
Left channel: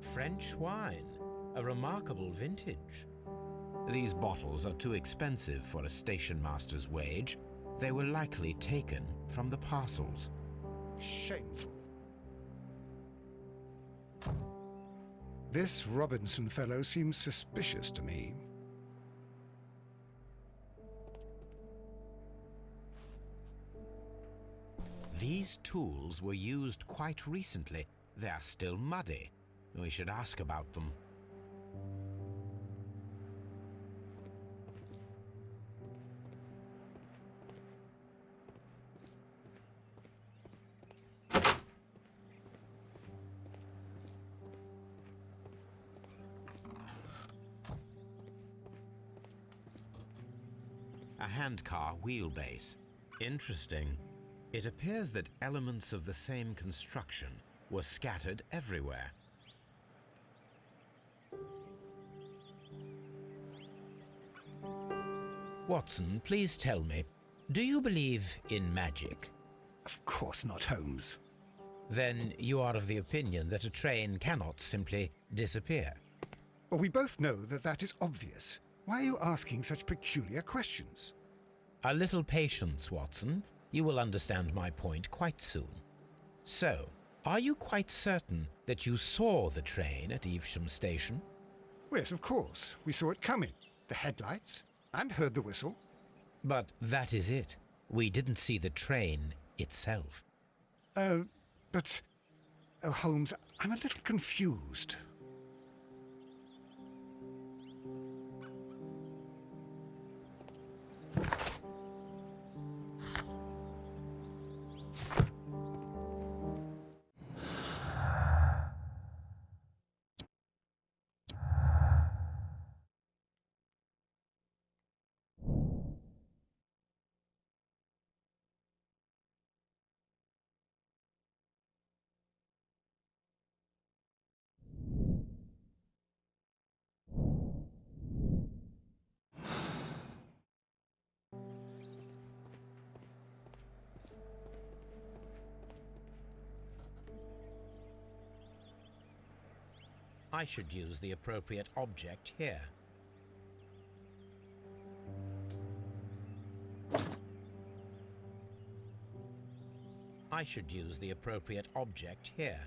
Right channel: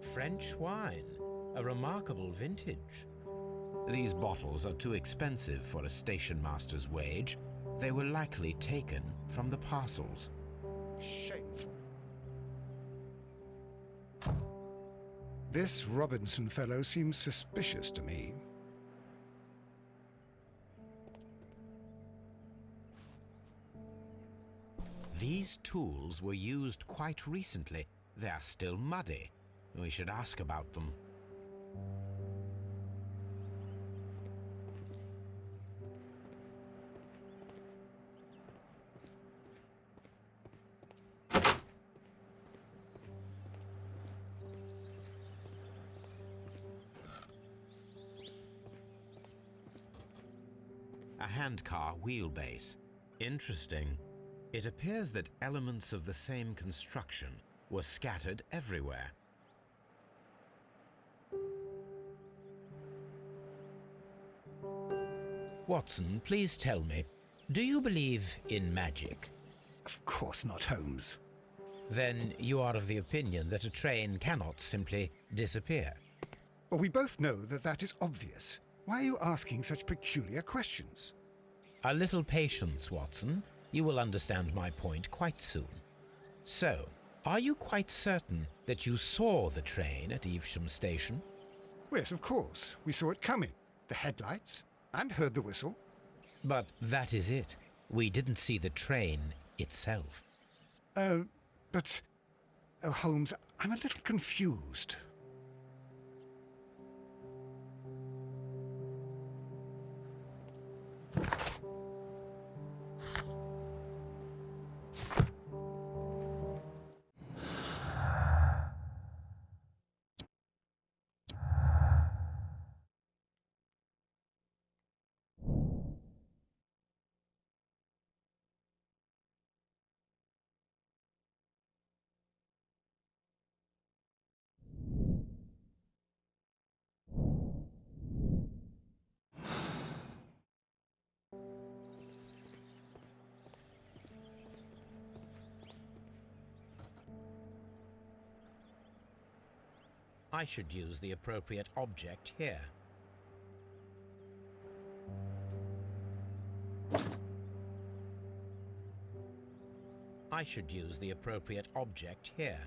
French wine, a remarkable vintage. These bottles are too expensive for a station master's wage. They were likely taken from the parcels. Shameful. This Robinson fellow seems suspicious to me. These tools were used quite recently. They are still muddy. We should ask about them. A handcar wheelbase. Interesting. It appears that elements of the same construction were scattered everywhere. Watson, please tell me, do you believe in magic? Of course not, Holmes. Then you are of the opinion that a train cannot simply disappear. Well, we both know that that is obvious. Why are you asking such peculiar questions? A little patience, Watson. You will understand my point quite soon. So, are you quite certain that you saw the train at Evesham Station? Yes, of course. We saw it coming. The headlights, and heard the whistle. But that is it. We didn't see the train itself. But... Oh, Holmes, I'm a little confused. I should use the appropriate object here. I should use the appropriate object here.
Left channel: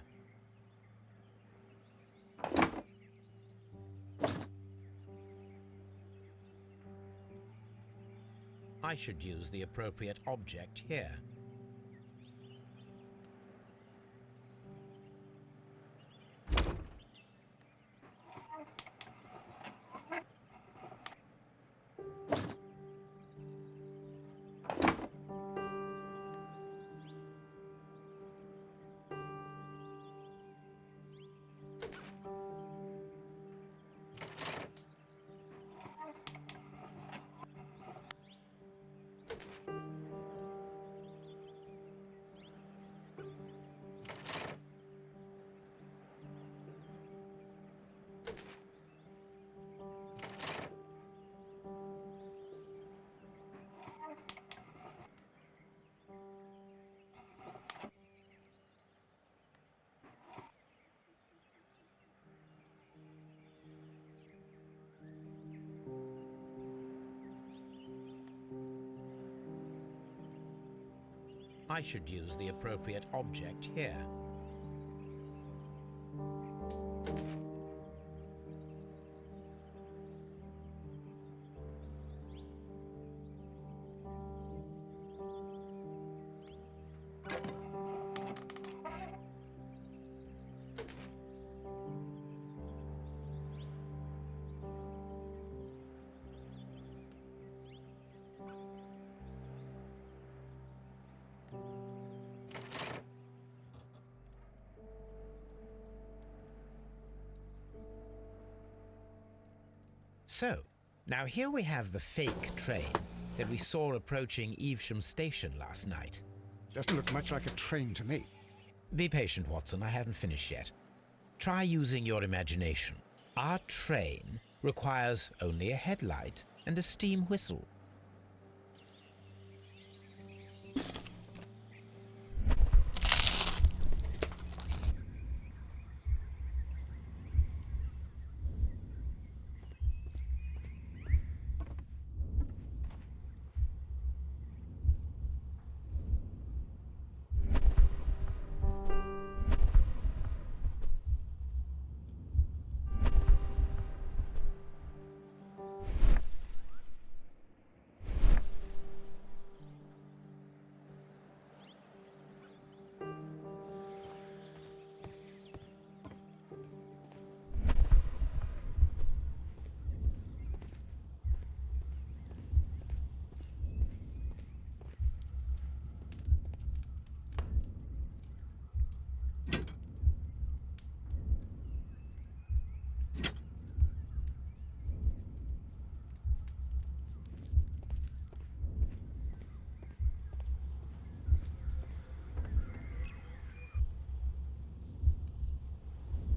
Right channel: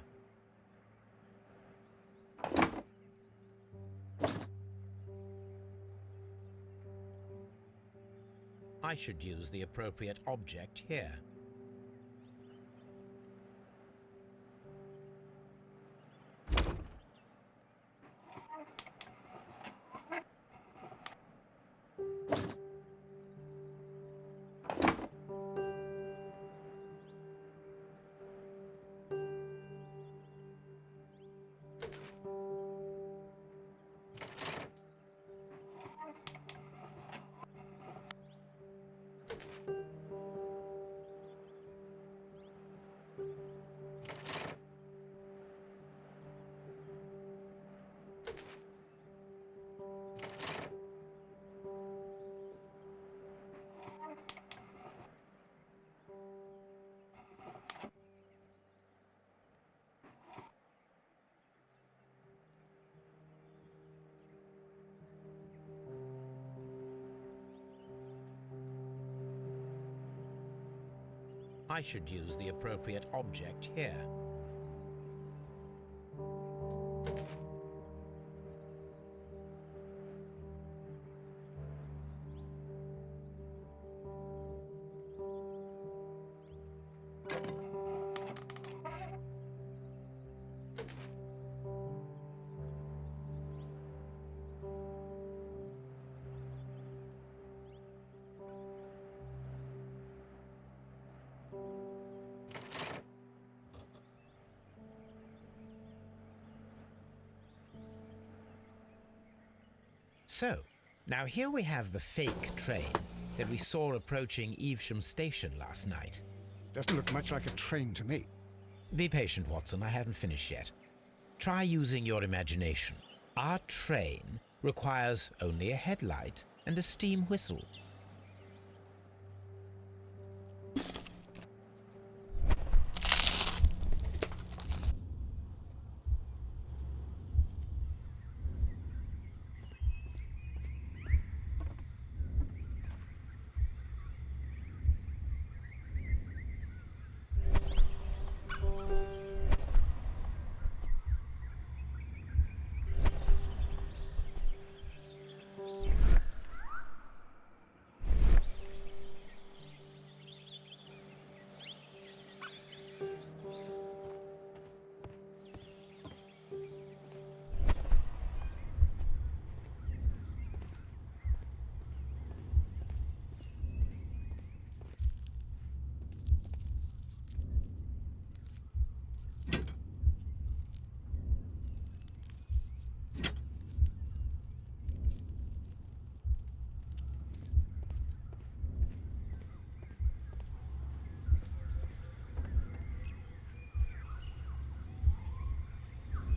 I should use the appropriate object here. I should use the appropriate object here. So, now here we have the fake train that we saw approaching Evesham Station last night. Doesn't look much like a train to me. Be patient, Watson, I haven't finished yet. Try using your imagination. Our train requires only a headlight and a steam whistle.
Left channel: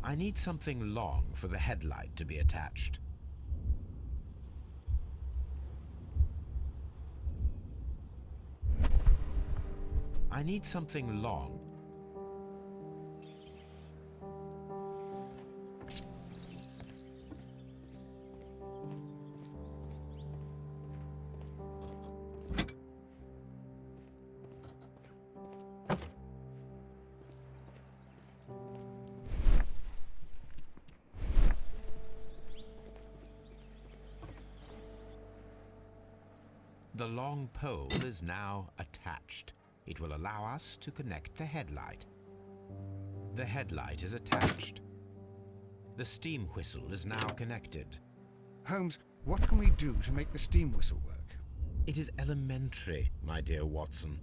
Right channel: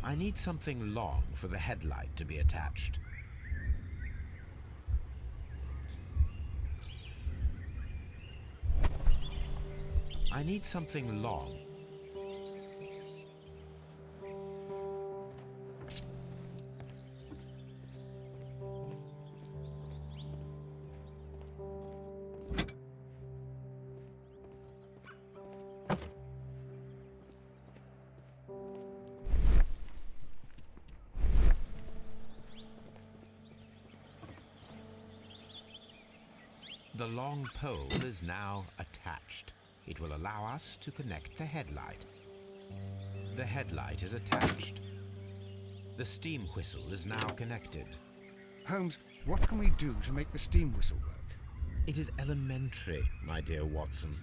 I need something long for the headlight to be attached. I need something long. The long pole is now attached. It will allow us to connect the headlight. The headlight is attached. The steam whistle is now connected. Holmes, what can we do to make the steam whistle work? It is elementary, my dear Watson.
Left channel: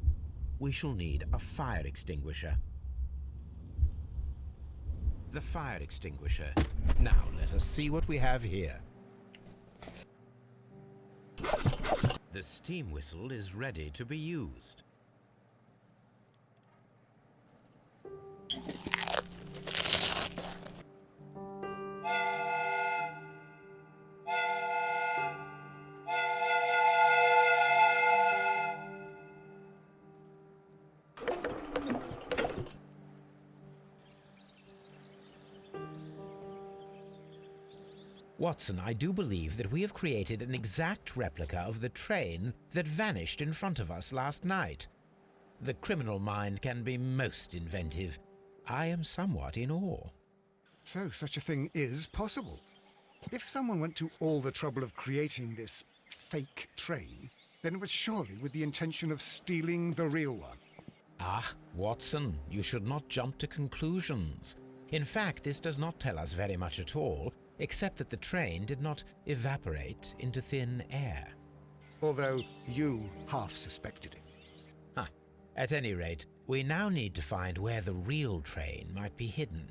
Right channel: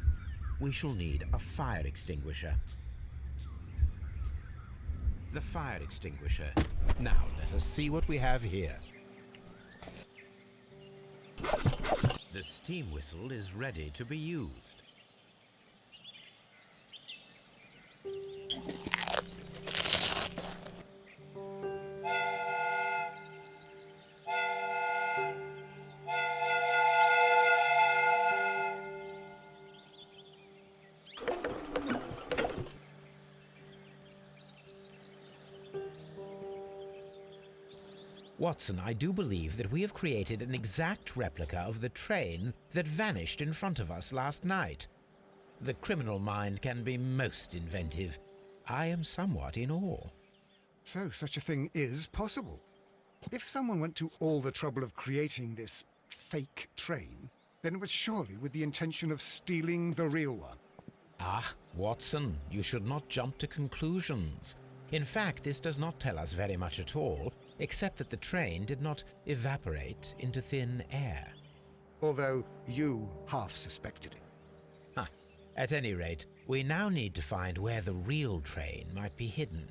We shall need a fire extinguisher. The fire extinguisher. Now let us see what we have here. The steam whistle is ready to be used. Watson, I do believe that we have created an exact replica of the train that vanished in front of us last night. The criminal mind can be most inventive. I am somewhat in awe. So such a thing is possible. If someone went to all the trouble of creating this fake train, then it was surely with the intention of stealing the real one. Ah, Watson, you should not jump to conclusions. In fact, this does not tell us very much at all, except that the train did not evaporate into thin air. Although you half suspected it. At any rate, we now need to find where the real train might be hidden.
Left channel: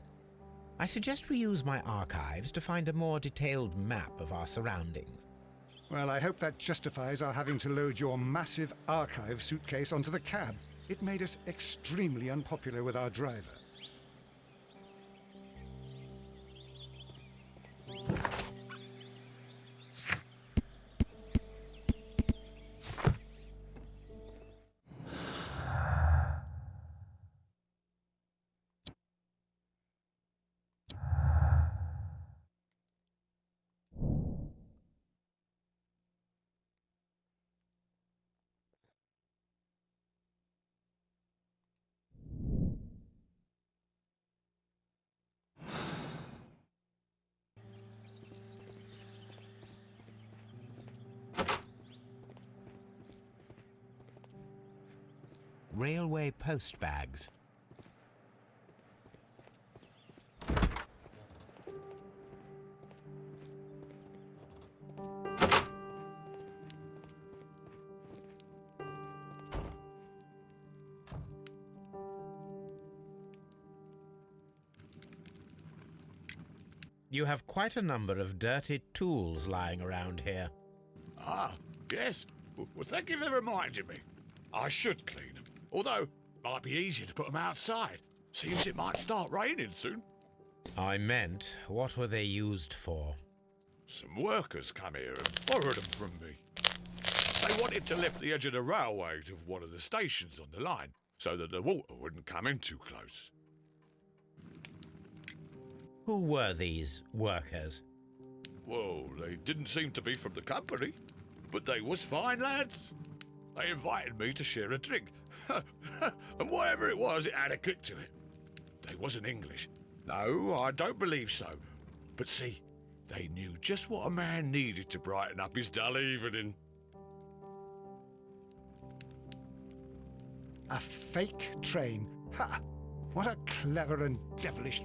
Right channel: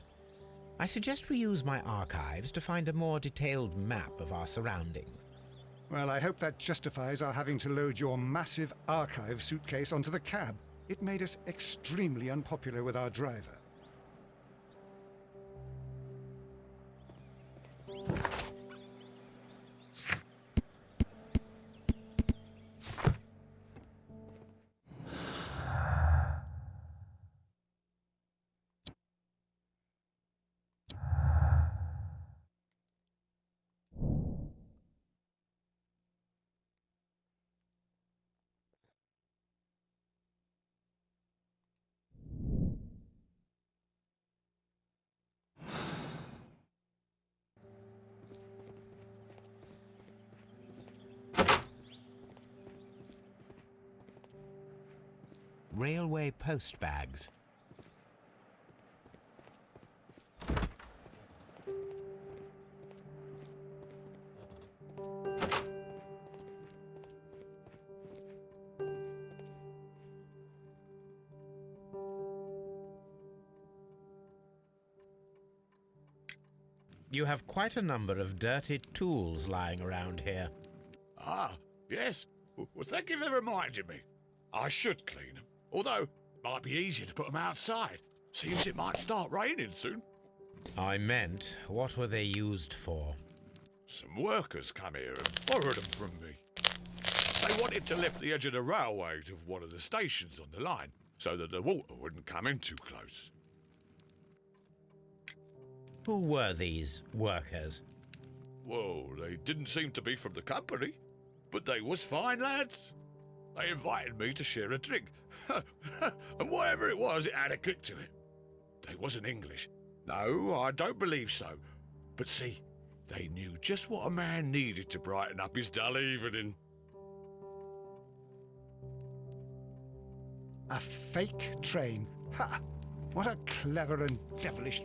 I suggest we use my archives to find a more detailed map of our surroundings. Well, I hope that justifies our having to load your massive archive suitcase onto the cab. It made us extremely unpopular with our driver. Railway post bags. You have quite a number of dirty tools lying around here. Ah, yes. Well, thank you for reminding me. I should clean them. Although, it might be easier to put them outside. Seems it might start raining soon. I meant, what were they used for? Some workers come here and borrowed them from me. They wanted to lift the edge of the railway to one of the stations on the line, so that the water wouldn't come in too close. Who were these workers? Well, they didn't seem to be from the company, but they was fine lads. They invited me to share a drink. And whatever it was, it had a kick to it. They wasn't English. No, I don't believe so. But see, they knew just what a man needed to brighten up his dull evening. A fake train. Ha! What a clever and devilish...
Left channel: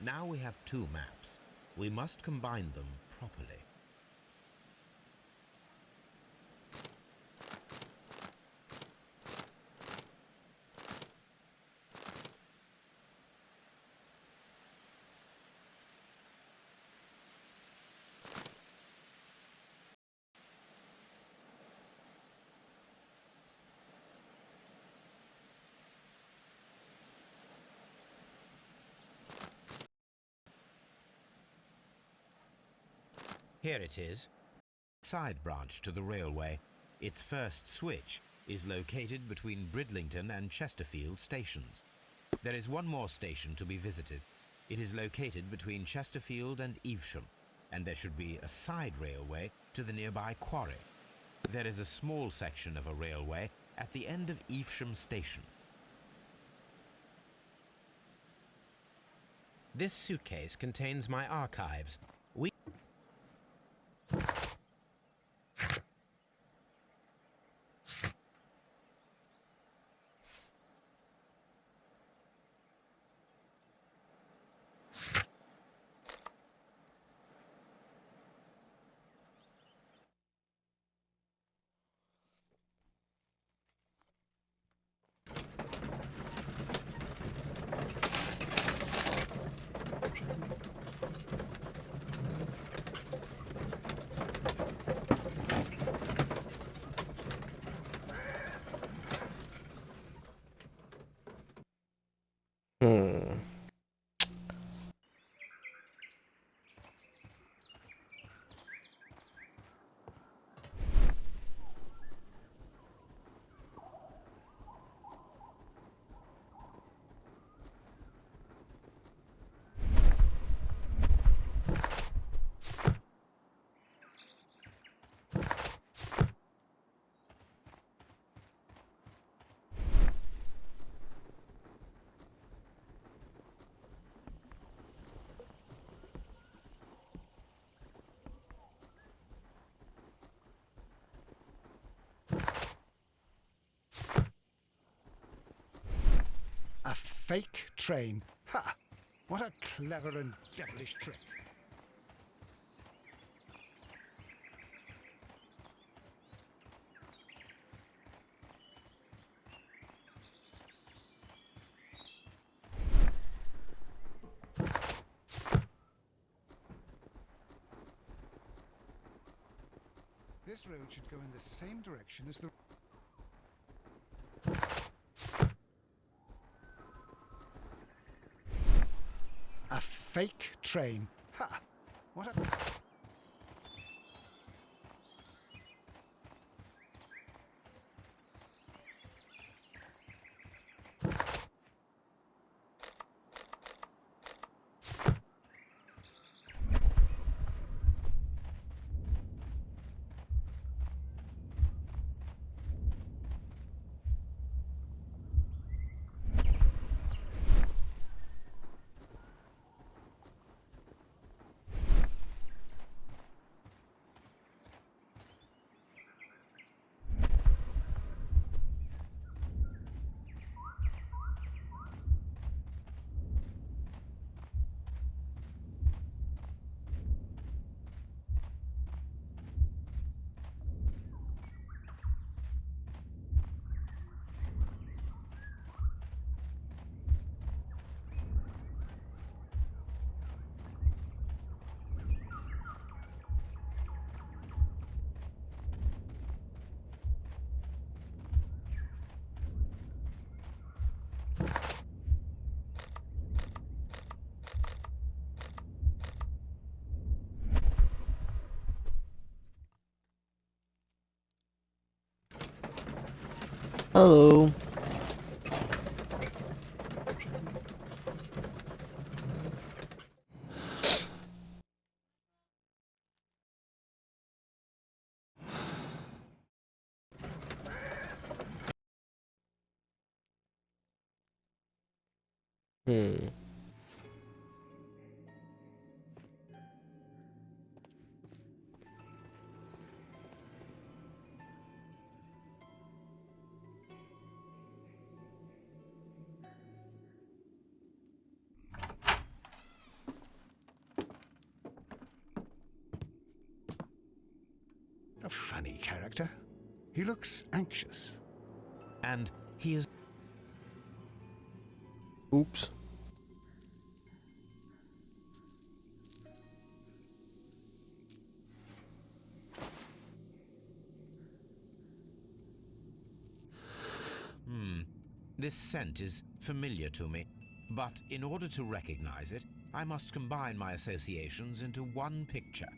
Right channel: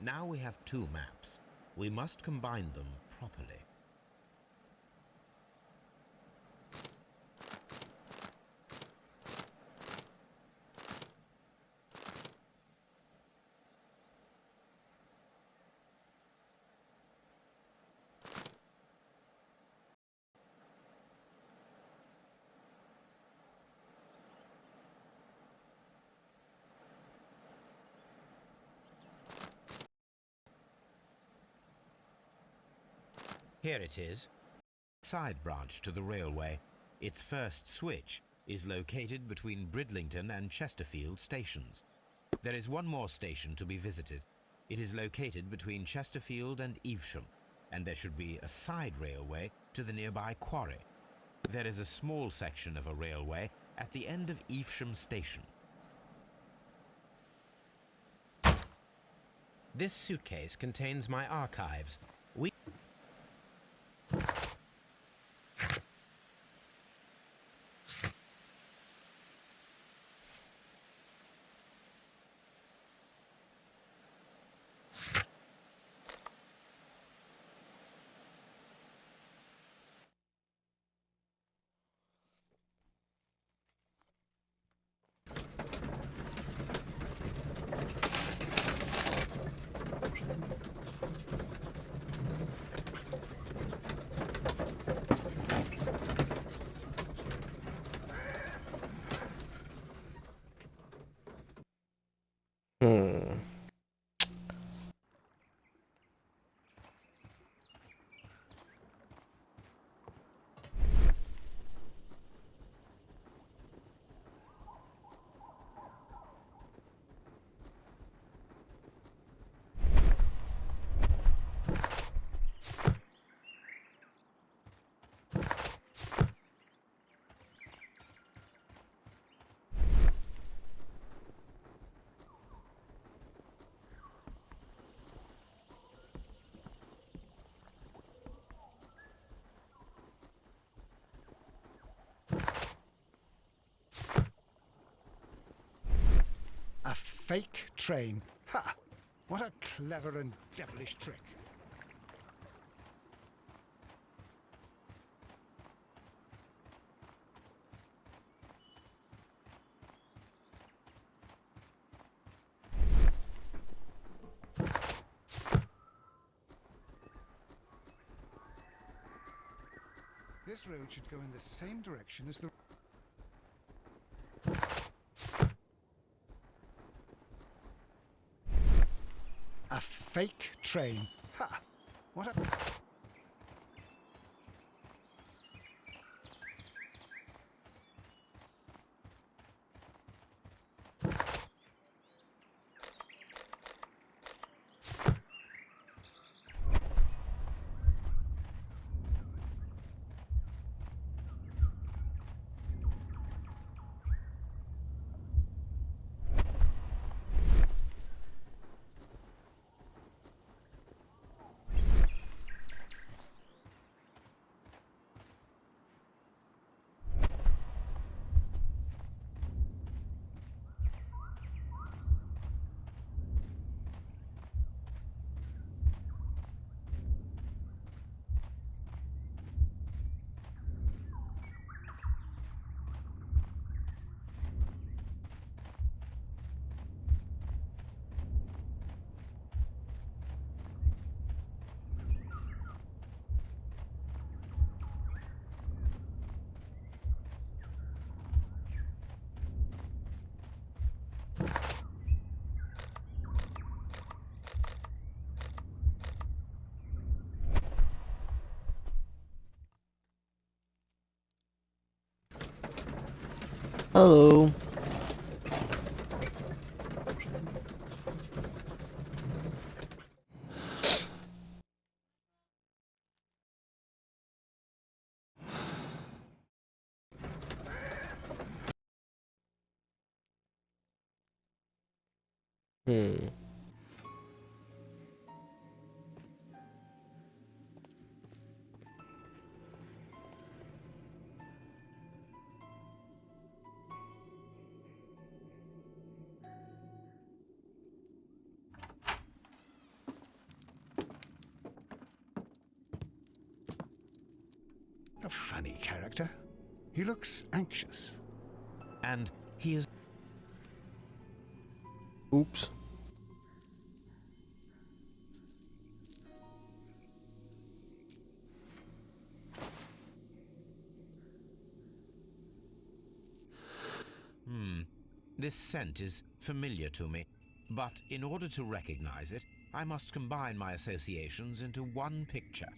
Now we have two maps. We must combine them properly. Here it is. Side branch to the railway. Its first switch is located between Bridlington and Chesterfield stations. There is one more station to be visited. It is located between Chesterfield and Evesham, and there should be a side railway to the nearby quarry. There is a small section of a railway at the end of Evesham station. This suitcase contains my archives. Hmm. A fake train. Ha! What a clever and devilish trick. This road should go in the same direction as the... A fake train. Ha! What a... Hello. Hmm. A funny character. He looks anxious. And he is... Oops. This scent is familiar to me, but in order to recognize it, I must combine my associations into one picture.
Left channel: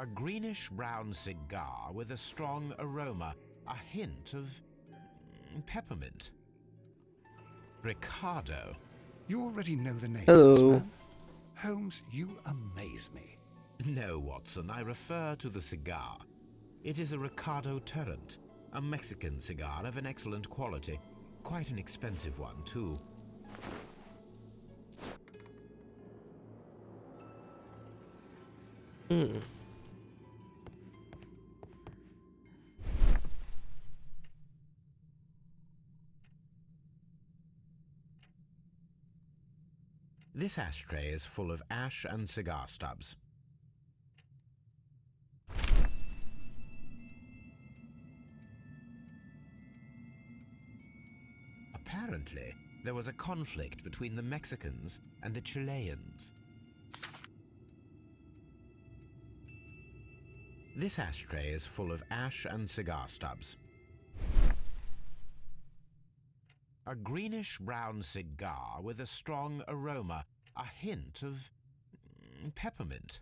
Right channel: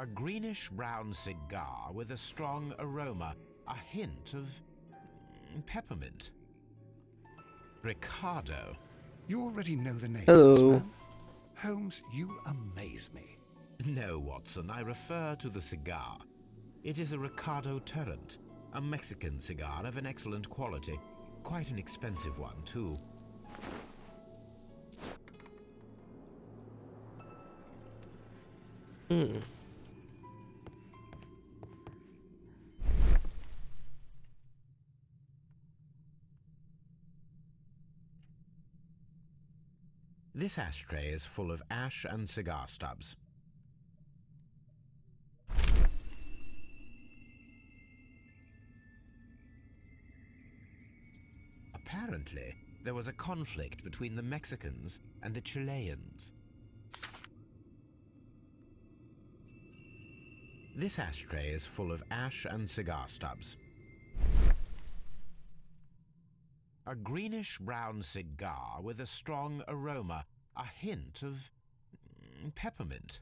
A greenish-brown cigar with a strong aroma, a hint of peppermint. Ricardo. You already know the name Hello. of this man. Holmes, you amaze me. No, Watson, I refer to the cigar. It is a Ricardo Turrent, a Mexican cigar of an excellent quality. Quite an expensive one, too. This ashtray is full of ash and cigar stubs. Apparently, there was a conflict between the Mexicans and the Chileans. This ashtray is full of ash and cigar stubs. A greenish-brown cigar with a strong aroma, a hint of peppermint.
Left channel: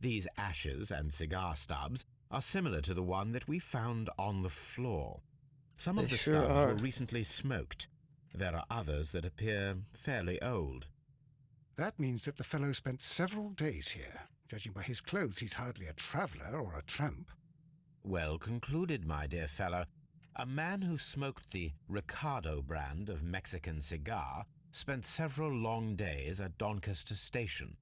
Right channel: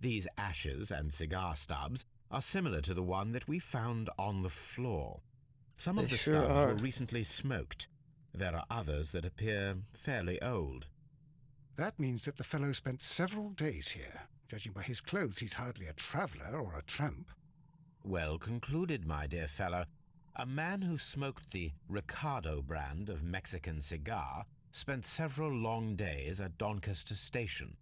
These ashes and cigar stubs are similar to the one that we found on the floor. Some of They the sure stubs are. were recently smoked. There are others that appear fairly old. That means that the fellow spent several days here. Judging by his clothes, he's hardly a traveller or a tramp. Well concluded, my dear fellow. A man who smoked the Ricardo brand of Mexican cigar spent several long days at Doncaster Station.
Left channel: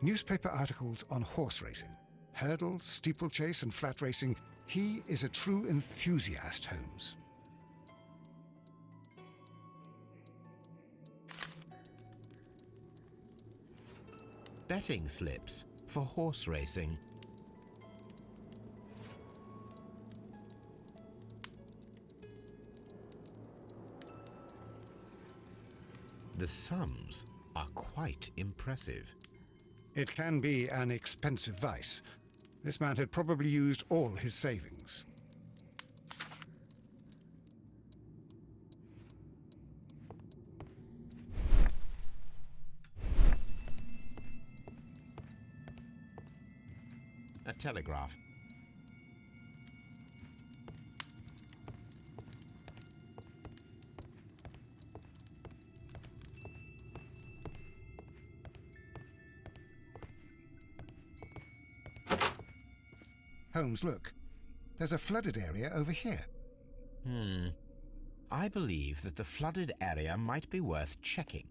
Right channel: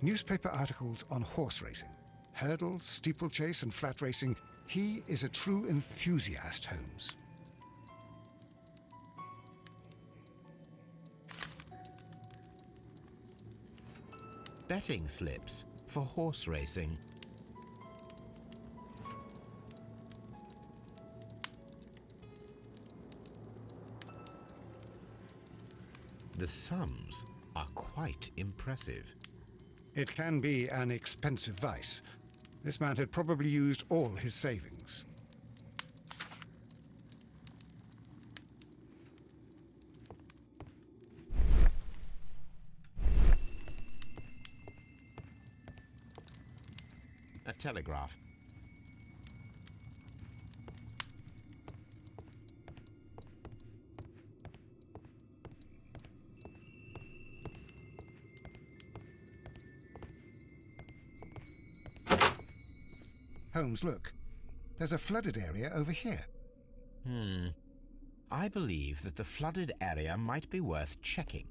Newspaper articles on horse racing. Hurdle, steeplechase and flat racing. He is a true enthusiast, Holmes. Betting slips for horse racing. The sums are quite impressive. It can be an expensive vice. This man had probably used all his savings. A telegraph. Holmes, look. There's a flooded area over here. I believe that the flooded area might be worth checking.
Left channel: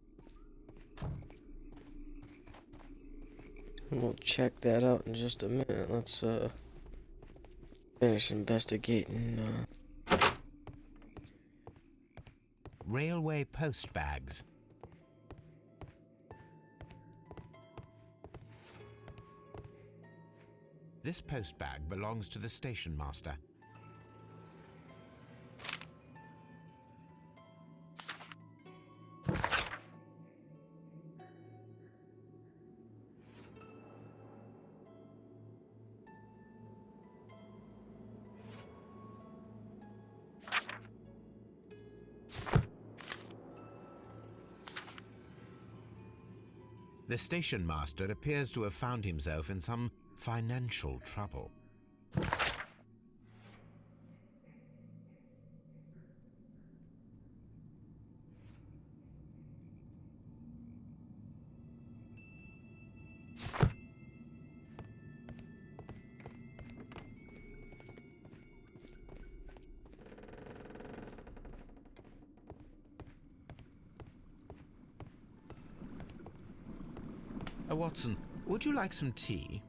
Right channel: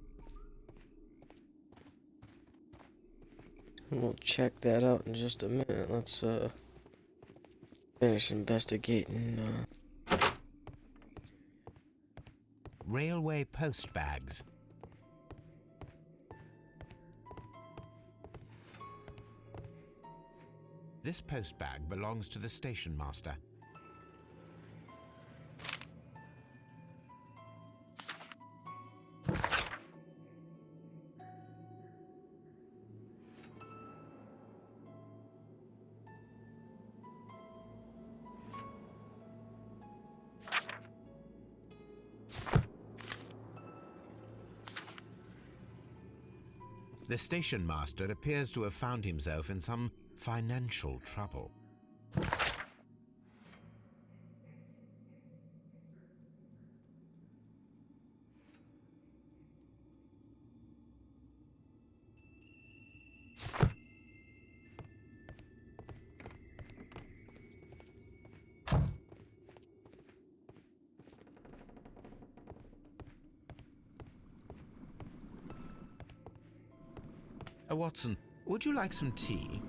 We'll check that out in just a minute. Let's finish investigating. Railway post bags. This post bag belongs to the station master. The station master appears to have found himself in some financial trouble. Watson, would you like some tea?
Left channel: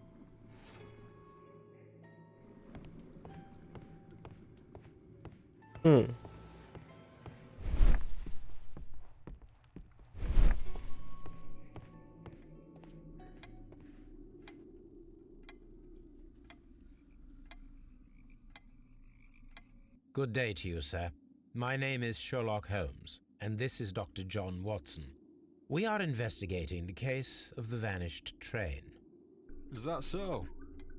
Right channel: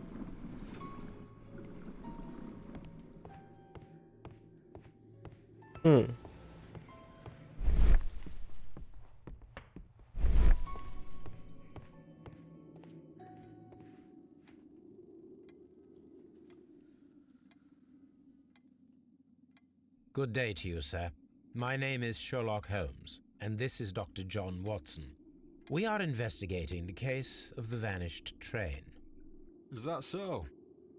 Good day to you, sir. My name is Sherlock Holmes, and this is Dr. John Watson. We are investigating the case of the vanished train. Is that so?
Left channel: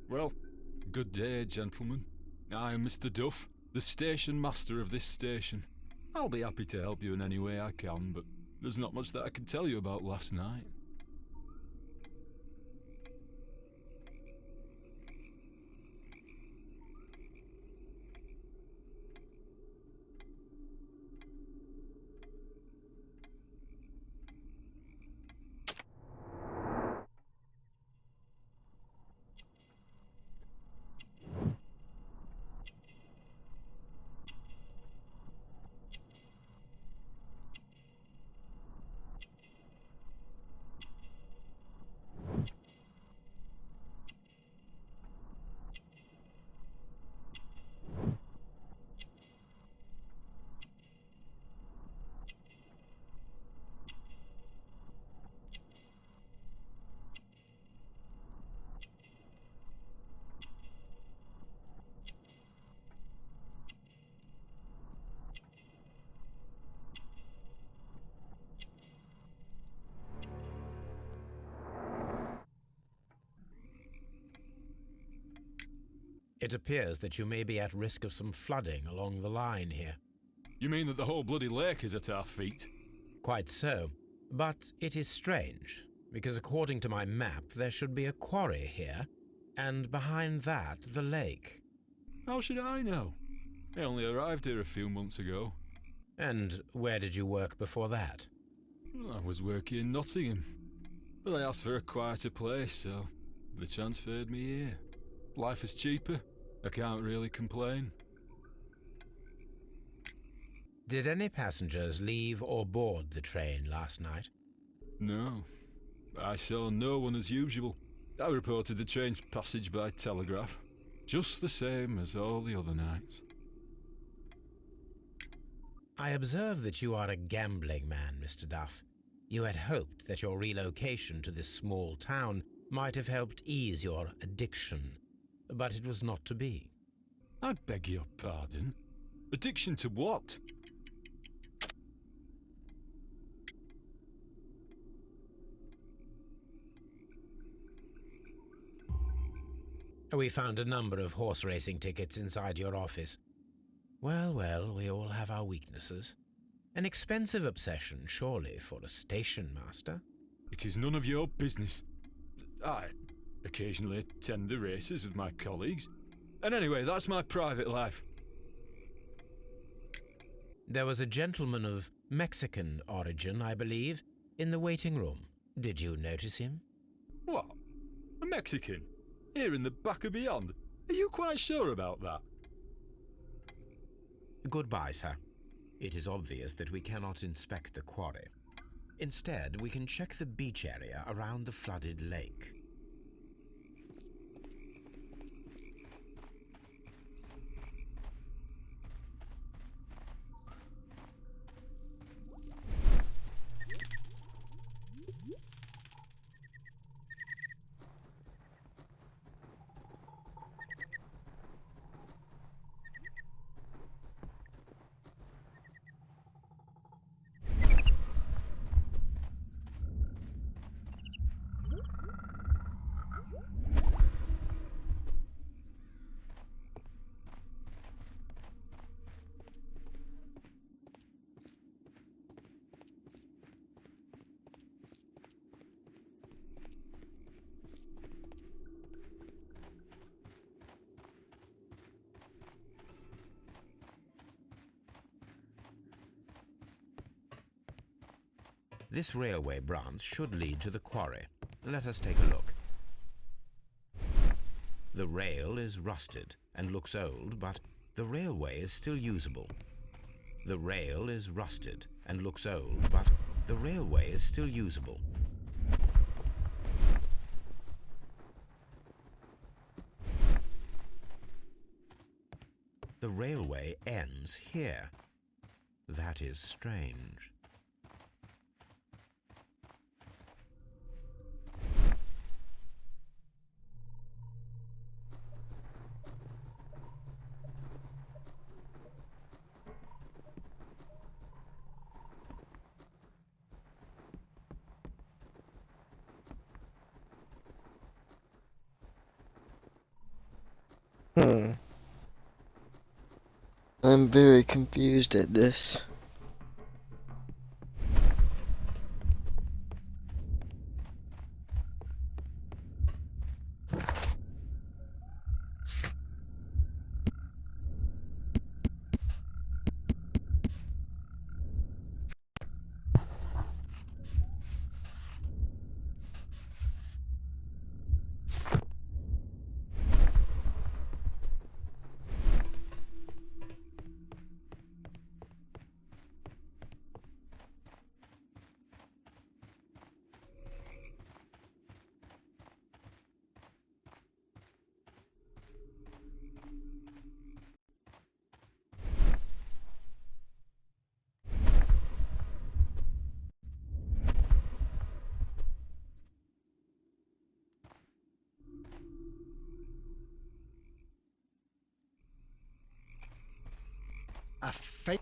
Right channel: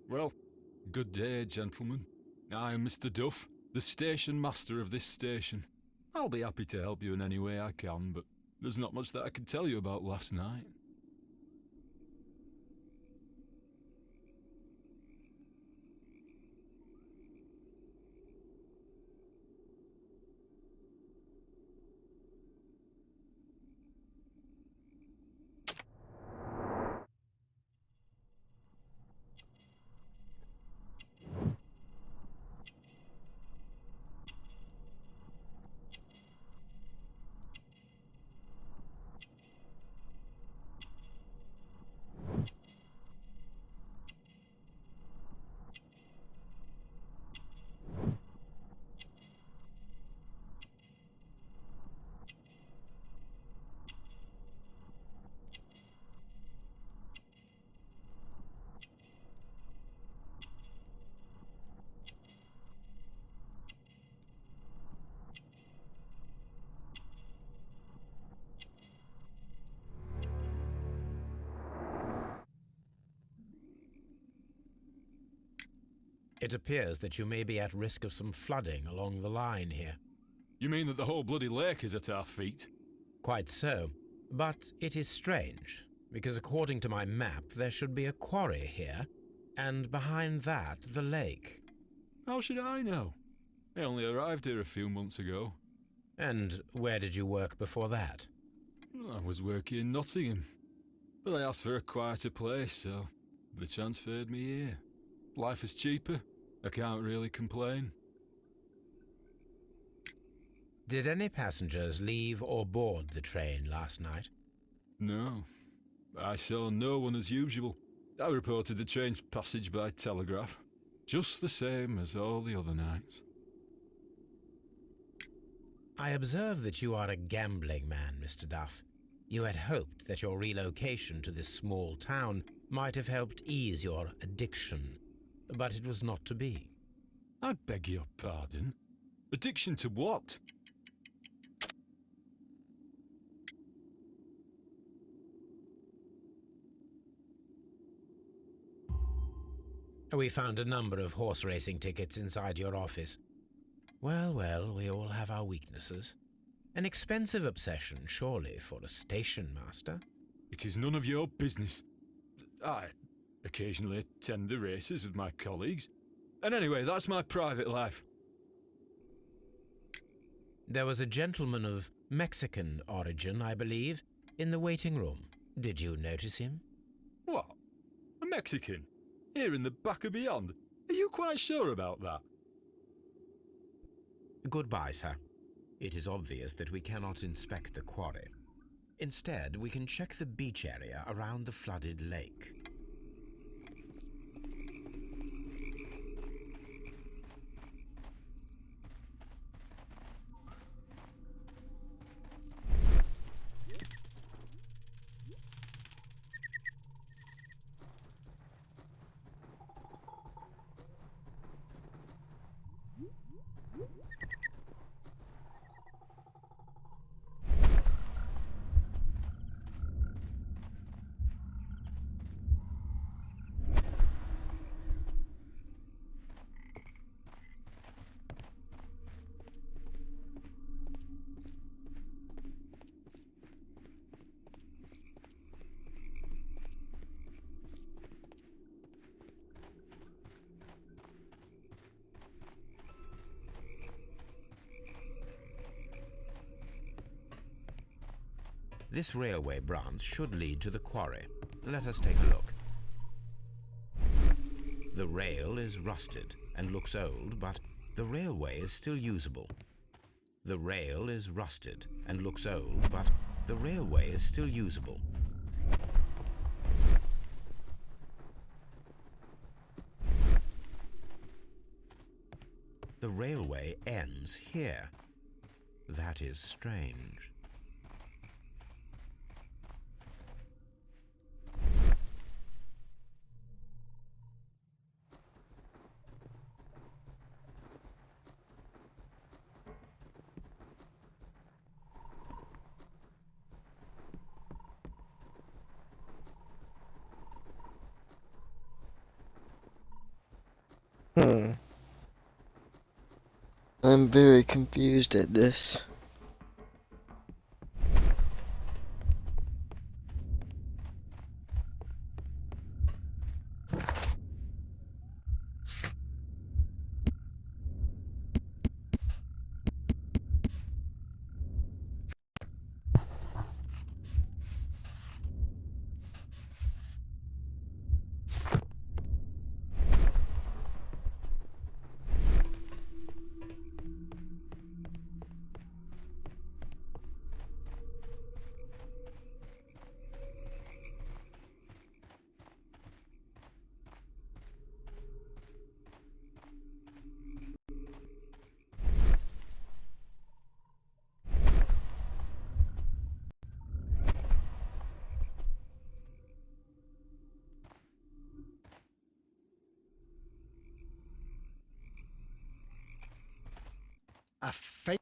Well, good day, gentlemen. I am Mr. Duff, the station master of this station. I'll be happy to help you in any way I can, but there's not much that I can tell you about last night. It appears that you may be at risk of some flooding along the line here. You mean that the whole bloody lake is at our feet? Quite so. But it is strange, because according to my map, there should be a quarry here, and behind that, the lake. How should I know? I only arrived here a few months ago. And where did you work before that? I was working in Nottingham, but I asked for a quieter place, so they transferred me here. Life is cheaper. I can't really complain. Did any passengers leave or board the train last night? No. I saw no one as usual. I reported the train's passage by telegraph, just the same as all the other nights. I observe that you are a gambling man, Mr. Duff. You had hoped that your relocation to this small town might have helped ease your addiction, but it was not to be. I beg your pardon? Addiction to what? We found a number of horse racing tickets inside your office. Well, well, we all have our weaknesses. An expensive obsession, surely, for a station master. It is none of your business. I occasionally attend the races with my colleagues. And anyway, that's my private life. There was a gentleman of Mexican origin, I believe, in the waiting room. Did you notice him? What? A Mexican? Here in the back of beyond? Are you quite sure about that? Goodbye, sir. It is obvious that we cannot inspect the quarry. Instead, we can check the beach area around the flooded lake. This railway branch should lead to the quarry. Let us take a look. The rail is rusted and looks old, but the railway is still usable. The rail is rusted and looks old, but the railway is still usable. The railway ends here. That is strange. I'm very confused at this. A fake.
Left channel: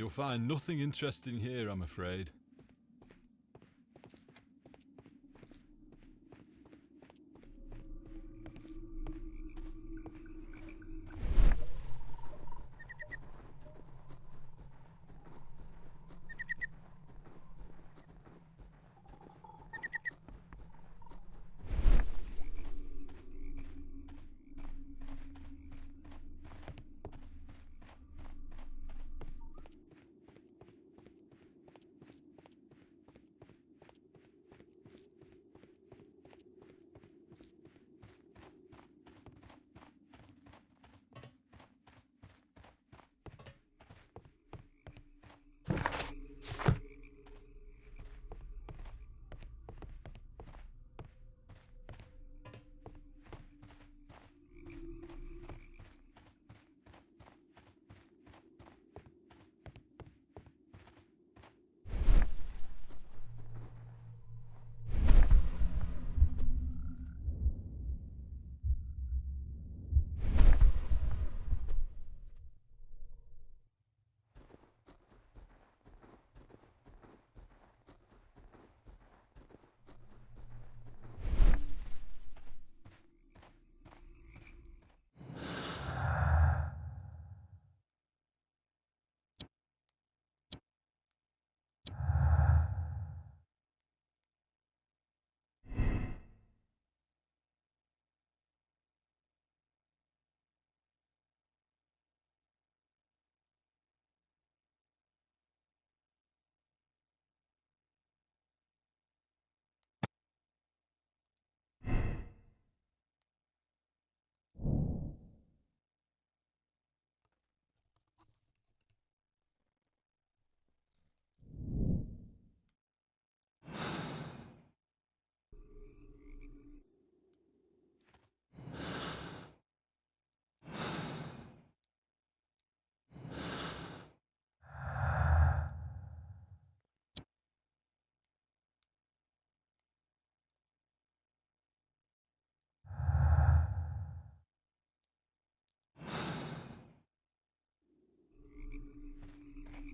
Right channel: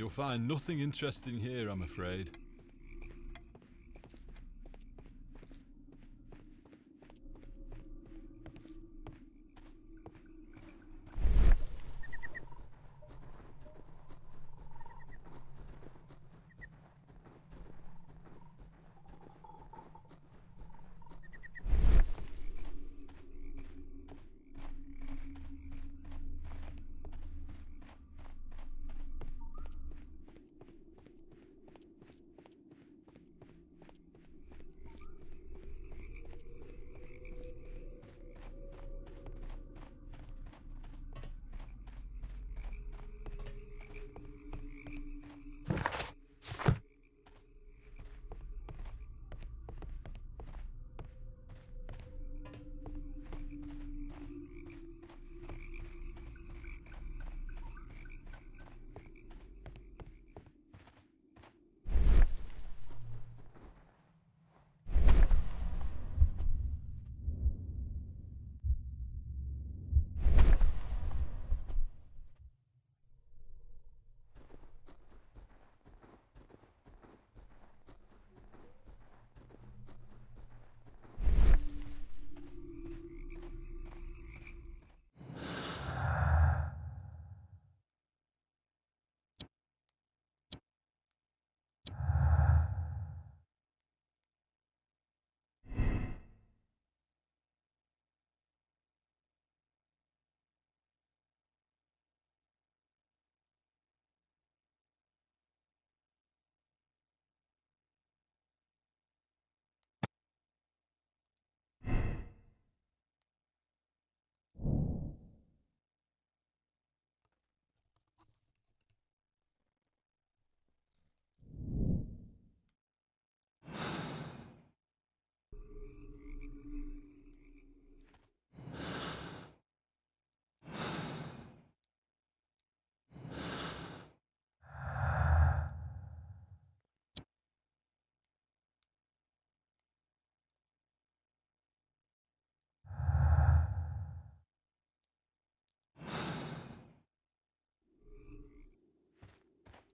You'll find nothing interesting here, I'm afraid.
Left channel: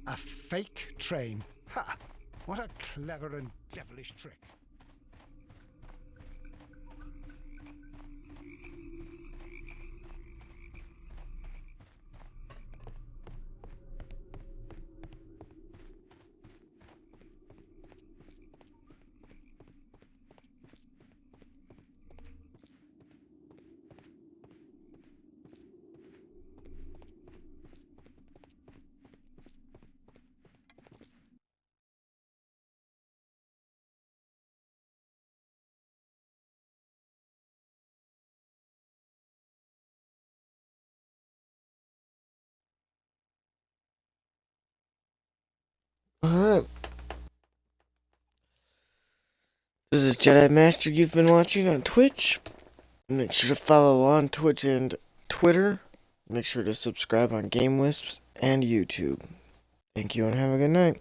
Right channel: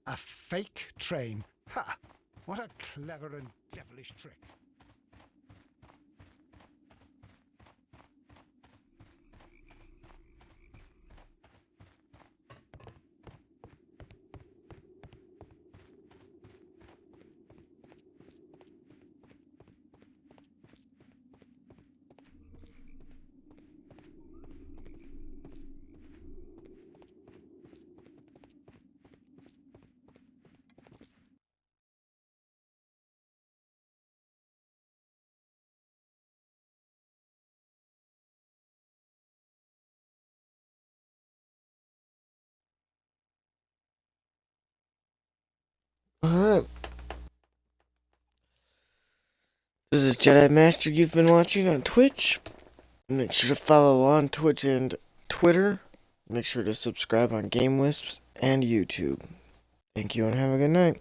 A fake train. Ha! What a clever and devilish trick. Alright. This is Jedi Master you've been watching on Twitch. Make sure to follow on Twitch and Twitter. Make sure to subscribe on Game Wisps and YouTube. Thank you and have a good night.